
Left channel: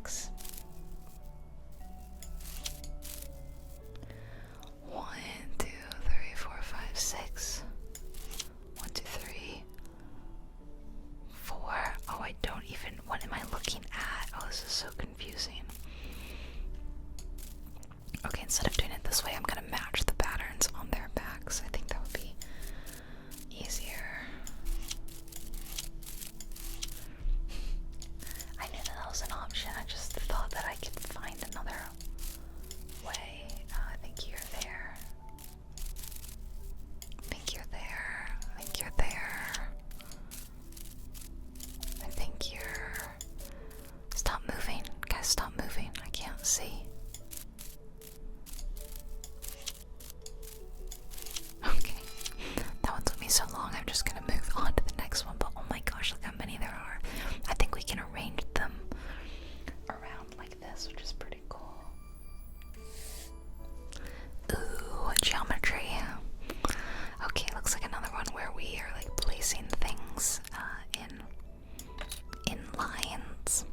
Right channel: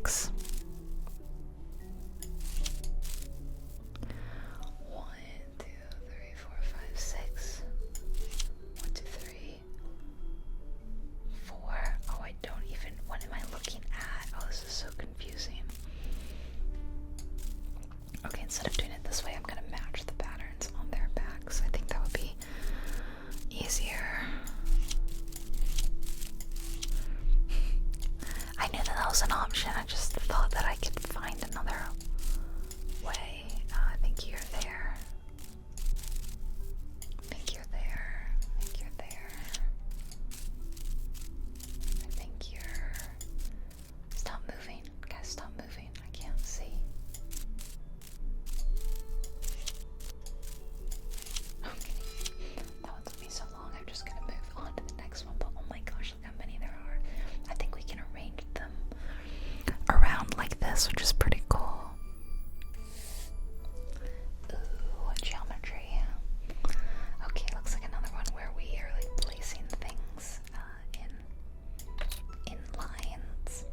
6. 1, 2, 3, 4, 5, 6. 1, 2, 3, 4. Oh, I don't even. What am I looking at? Oh, this is so confusing. Okay, instead of doing it this way, I'm gonna match the patterns on their backs. I think that would be easier. I knew that was an option. I just thought that I could find another way. I think you're there. I think you're there. I think you're there. I think you're. Stop moving. Guys, stop moving. I can't see. Okay. That one took me so long. I'm just gonna move on to the next one. But oh my gosh, look how many there are. I think we can arrange them around like this, which is pretty cool. Ooh, geometry. Okay, looks like another one where we are like placing things in lines.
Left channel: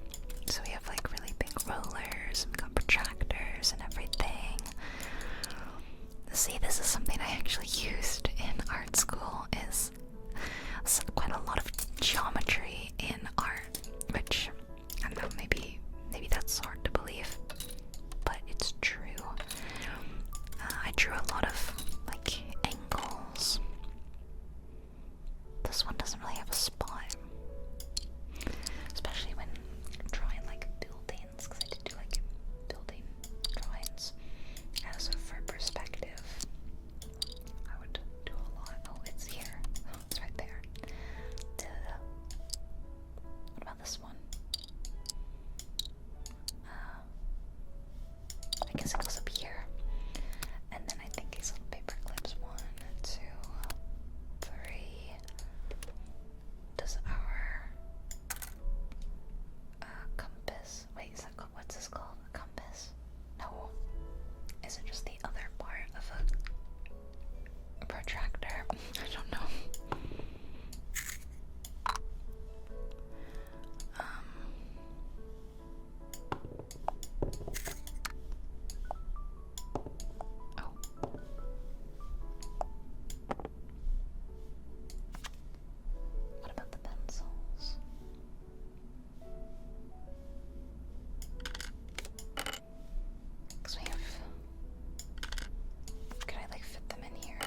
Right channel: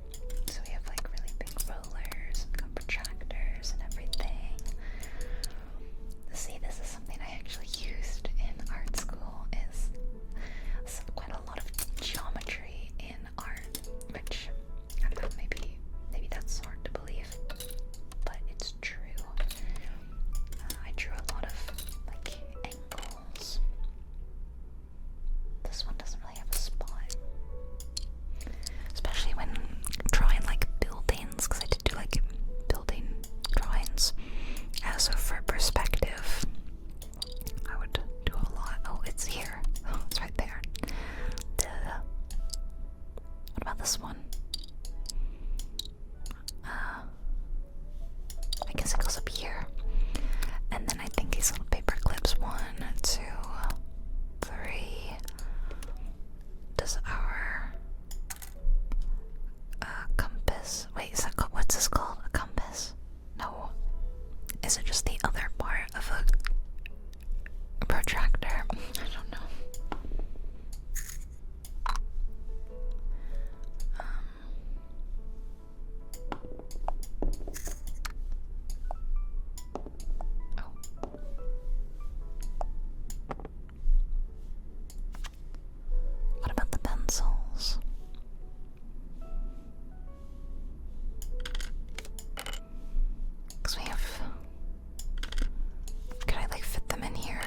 So we have like really big rollers, we got protractors and everything. See, this is something I actually used in art school, is quite a lot of geometry in art, which, I don't know, maybe that's hard to believe, but it's true. I drew a lot of, like, angles. This one doesn't really have a spot, especially when drawing, like, buildings, because I did do, like, building drawings. So for perspective, I would do a lot. Oh, it's here. Oh, it's right there. Duh. What about this one? I guess it goes up here. And then I think these little paper clips. 1, 2, 3. Does our compass? Wait, is that what's this called? A compass? No. Is it just the other part of a protractor? I don't know. Oh. What about the pencils? Because we have. Could I like fit them in here?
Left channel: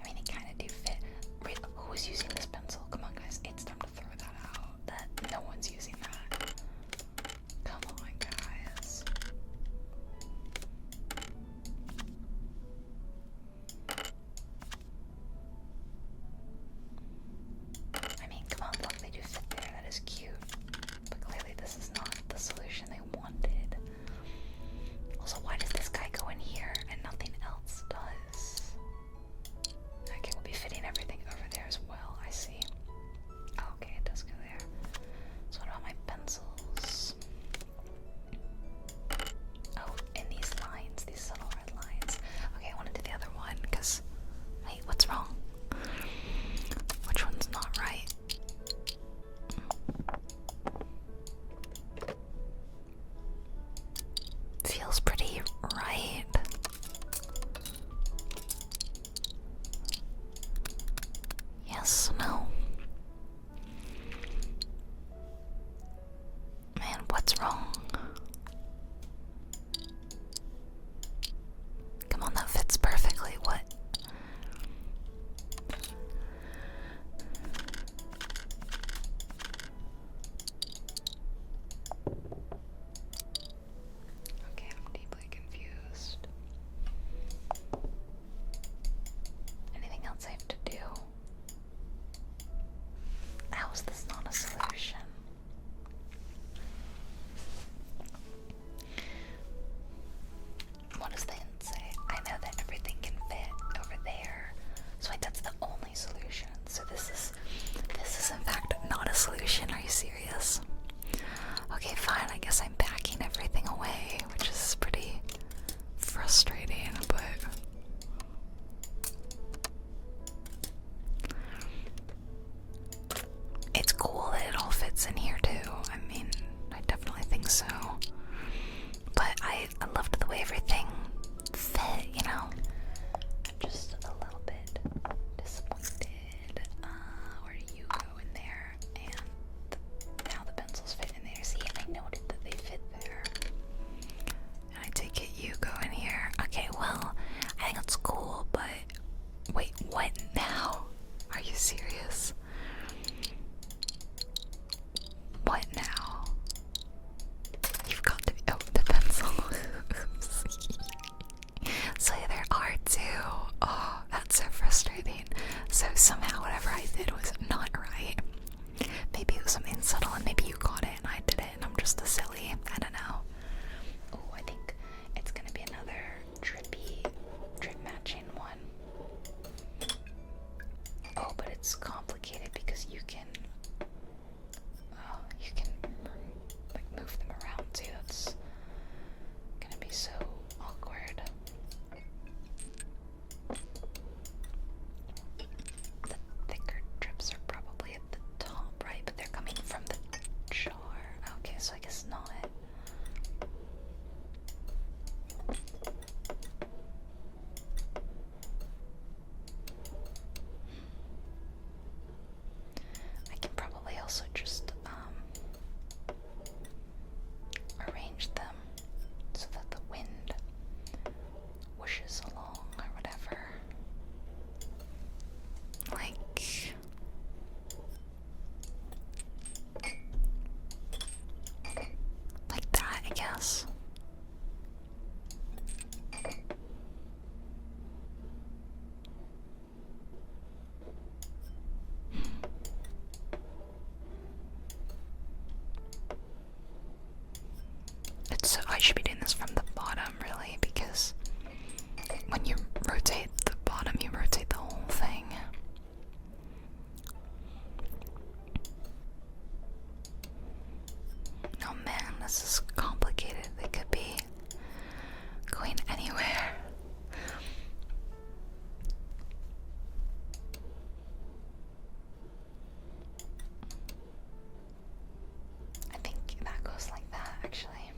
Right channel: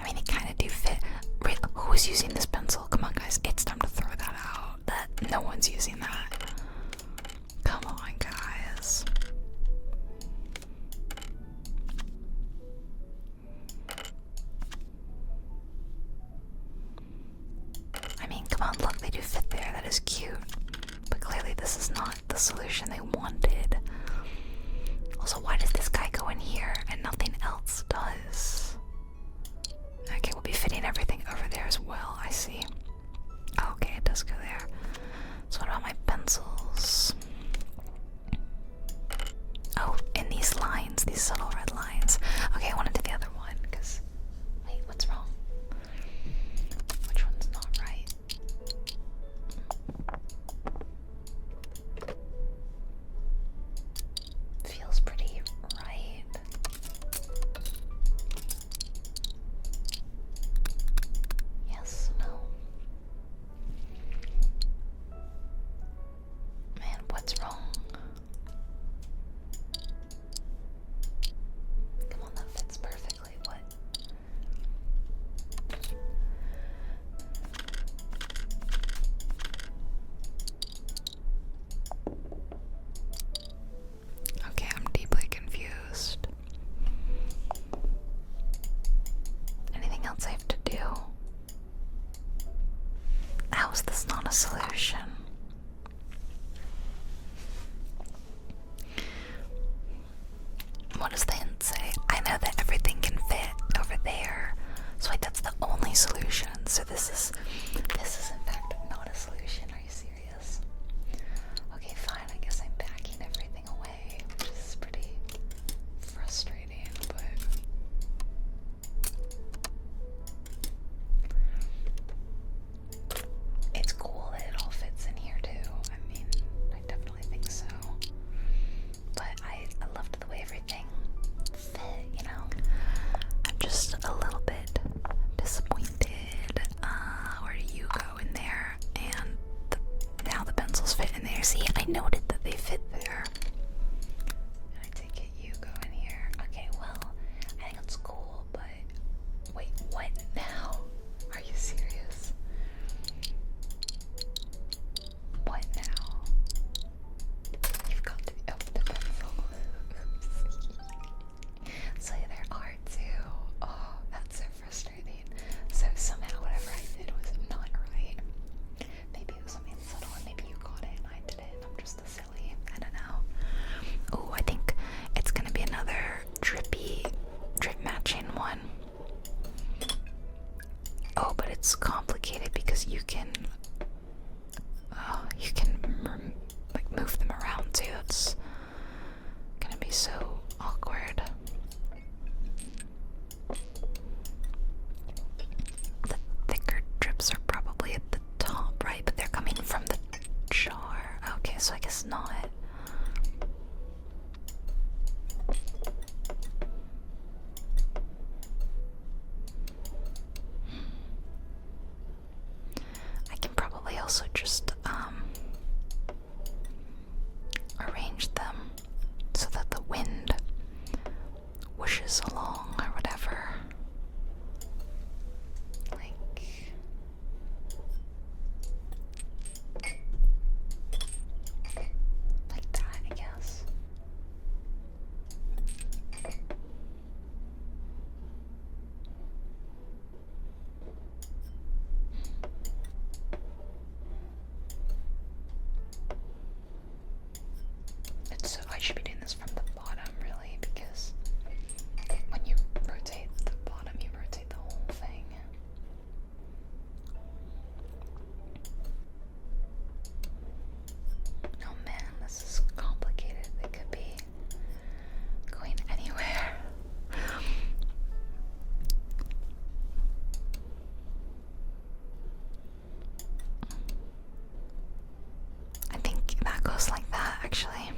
I mean, they kind of do fit. Wait, who is using this pencil? Come on, guys, it's time to throw that out. That no one's using that. Come on, guys. I mean, come on, look, they do fit there. That is cute. But clearly, this is not the solution they wanted. Also, why does this guy go in here and nothing else does? Okay, we'll be fitting everything over there as well, I see. Okay, it does go there. So what about my pencils? Oh, in these lines, these subtle red lines. Okay, I want to do the other one, because... Wait, what's wrong? Which one's not right? Feels pretty right. Yes, no. Man, what's wrong? everything fit, you know? I'm just a little bit disappointed. Where do you go in there? And now the pencils fit in there. See, I noted that they fit there. And I take it you go in here. Okay, well, I think it's cool, but wait, what now? Are you serious? What now? You've got to be the pencil. So there are two. Oh, that's so frustrating. So somehow whatever I did was not right. Maybe it was something subtle and maybe you got it and I did it and I'm just a silly. I don't know. Oh, I think it's gonna be another drip matching one. Oh, but it's complicated because you can like move them around too. It's gonna be so awkward. The thicker drips are probably at the top, right? But they're coming from the jar. Okay, so I guess not. I can probably also just arrange them so that the wind whooshes along or whatever. Like that, I guess. I should be doing this from the bottom, really, because when you rotate the bottom, you rotate the whole thing. Oh man, this is complicated. It could be going anywhere. I think that goes like that, actually.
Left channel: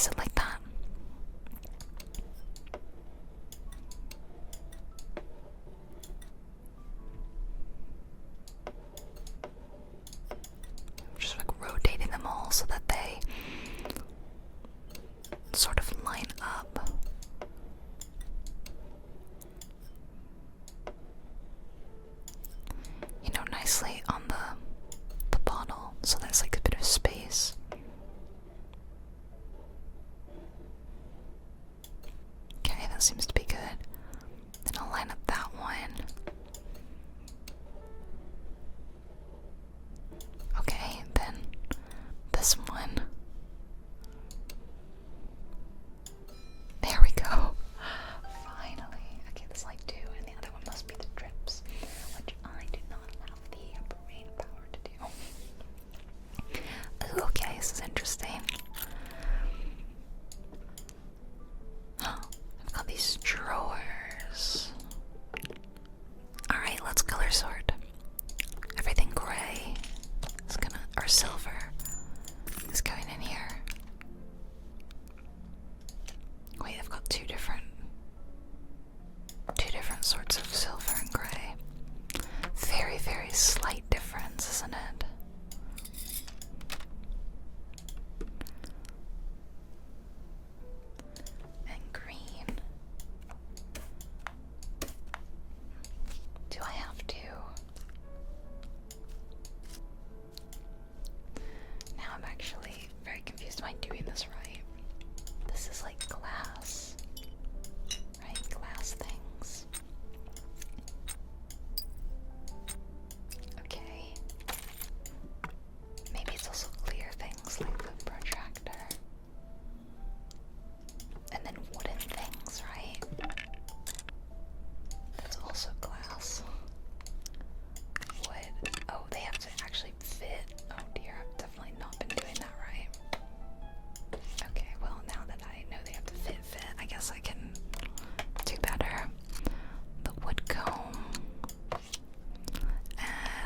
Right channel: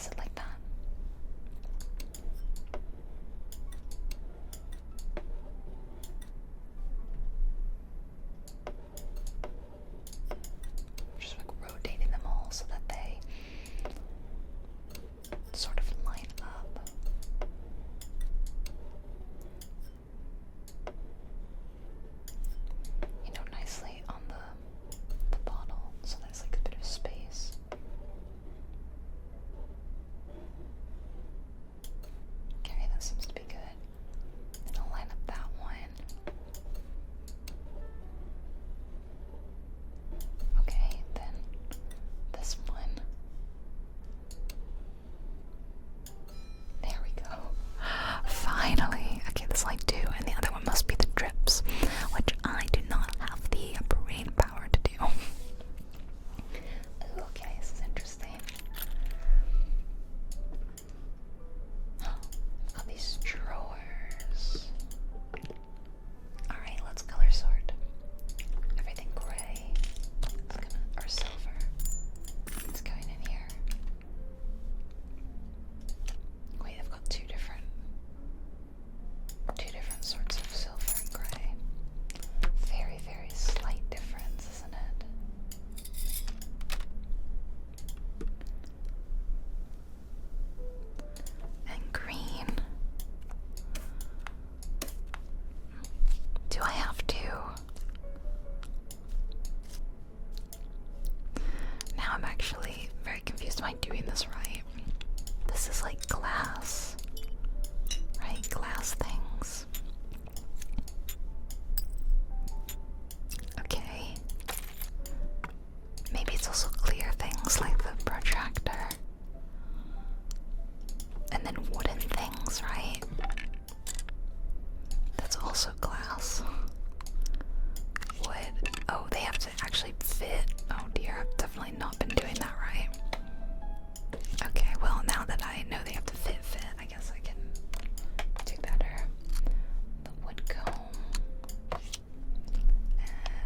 Is it like that? Just like rotating them all so that they sort of line up. You know, nicely on the bottle, so there's like a bit of space. Okay, that seems to be good. Then I'll line up that one. Okay, then this one. There we go. Finally. Okay, there's like two, and the other one must be the drips, which I do not have the brain power to do. Ooh, okay, this is interesting. I've got these drawers. Alright, let's color sort. Everything gray is gonna, or silver is going in here. Wait, I've got two different sorts of silver and gray. Very, very slight difference, isn't it? And green. Do I have to? Now I'm actually very confused. Am I doing this right? This is like glass, right? Glass things. Okay. Maybe it's also clear things like the protractor. And then wooden things, right? That's also glass. Wood. Oh, they have to actually fit. Oh dear, I've definitely not been doing that right. Okay, well, now that I know they have to fit, I guess I can do better. The wood comb.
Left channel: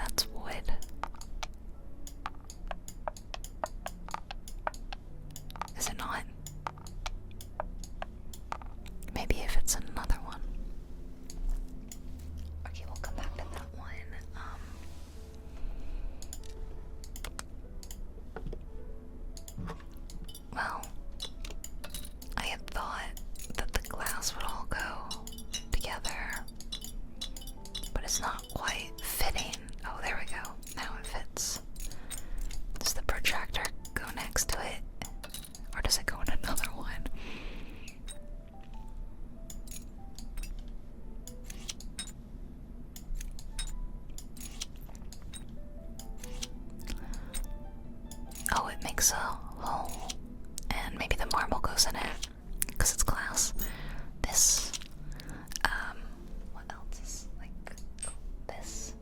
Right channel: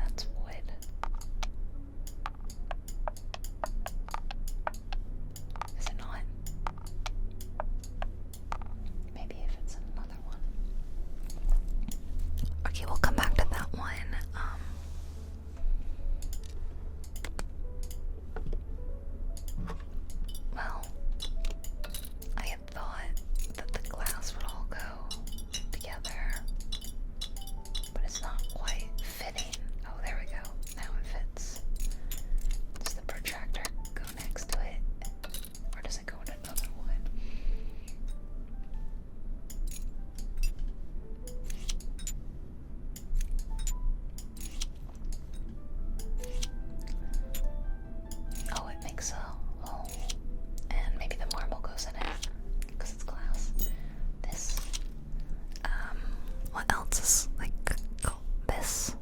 That's wood. Is it not? Maybe if it's another one. Okay, we'll come back to that one. Well, I had thought that the glass would all go together, but it's not quite fitting. Oh, there we go. Now it fits. Does the protractor go next to it, or does it go in another one? Oh, it makes a hole, and maybe the marble goes in it because it's glass. This, what else is like this?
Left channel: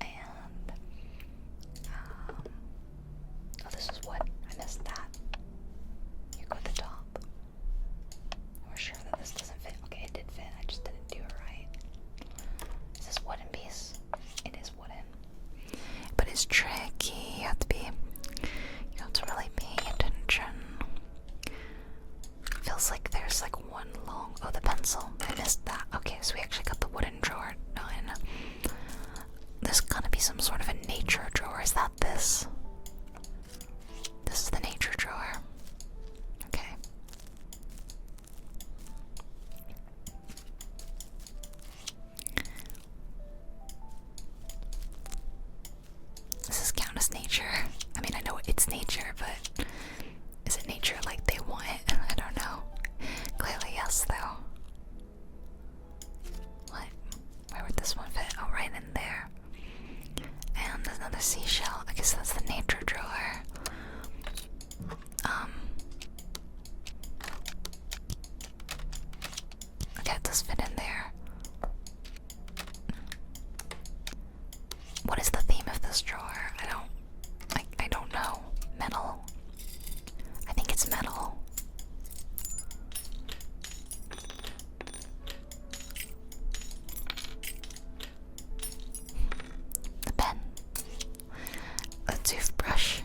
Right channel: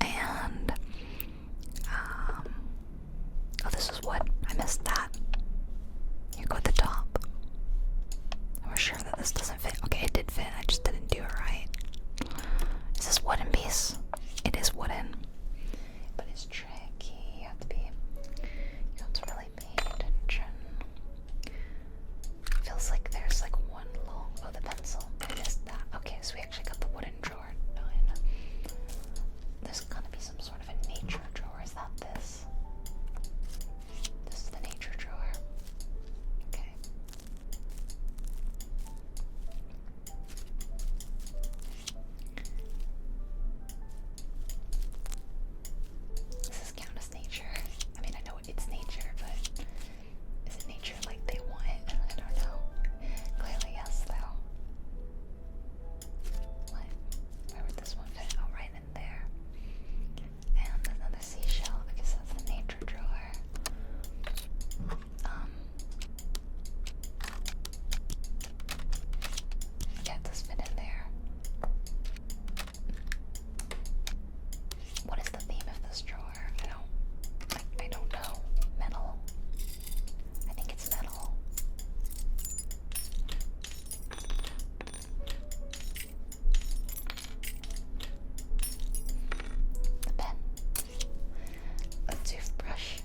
And, oh, this is wood. I missed that. You go at the top. We're sure that this doesn't fit. Okay, it did fit. I just didn't do it right. Is this wooden piece? It is wooden. But it's tricky. You have to really pay attention. Feels like there's like one long, oh, the pencil. I missed that. Okay, so we actually got the wooden drawer done. There's gotta be some sort of a nature drawer. Is that this? This is the nature drawer. Okay. Does this count as nature? I mean, I know it's nature, but is it nature like they want it? I don't know. Clearly yes, though. What? Where would this one fit? Oh, right in there. And another seashell. I guess that's the nature drawer. Okay, it does fit in there. What is the theme of this drawer? I don't know. Metal. I think it's metal. The pen. A toothbrush.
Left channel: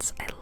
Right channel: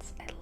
I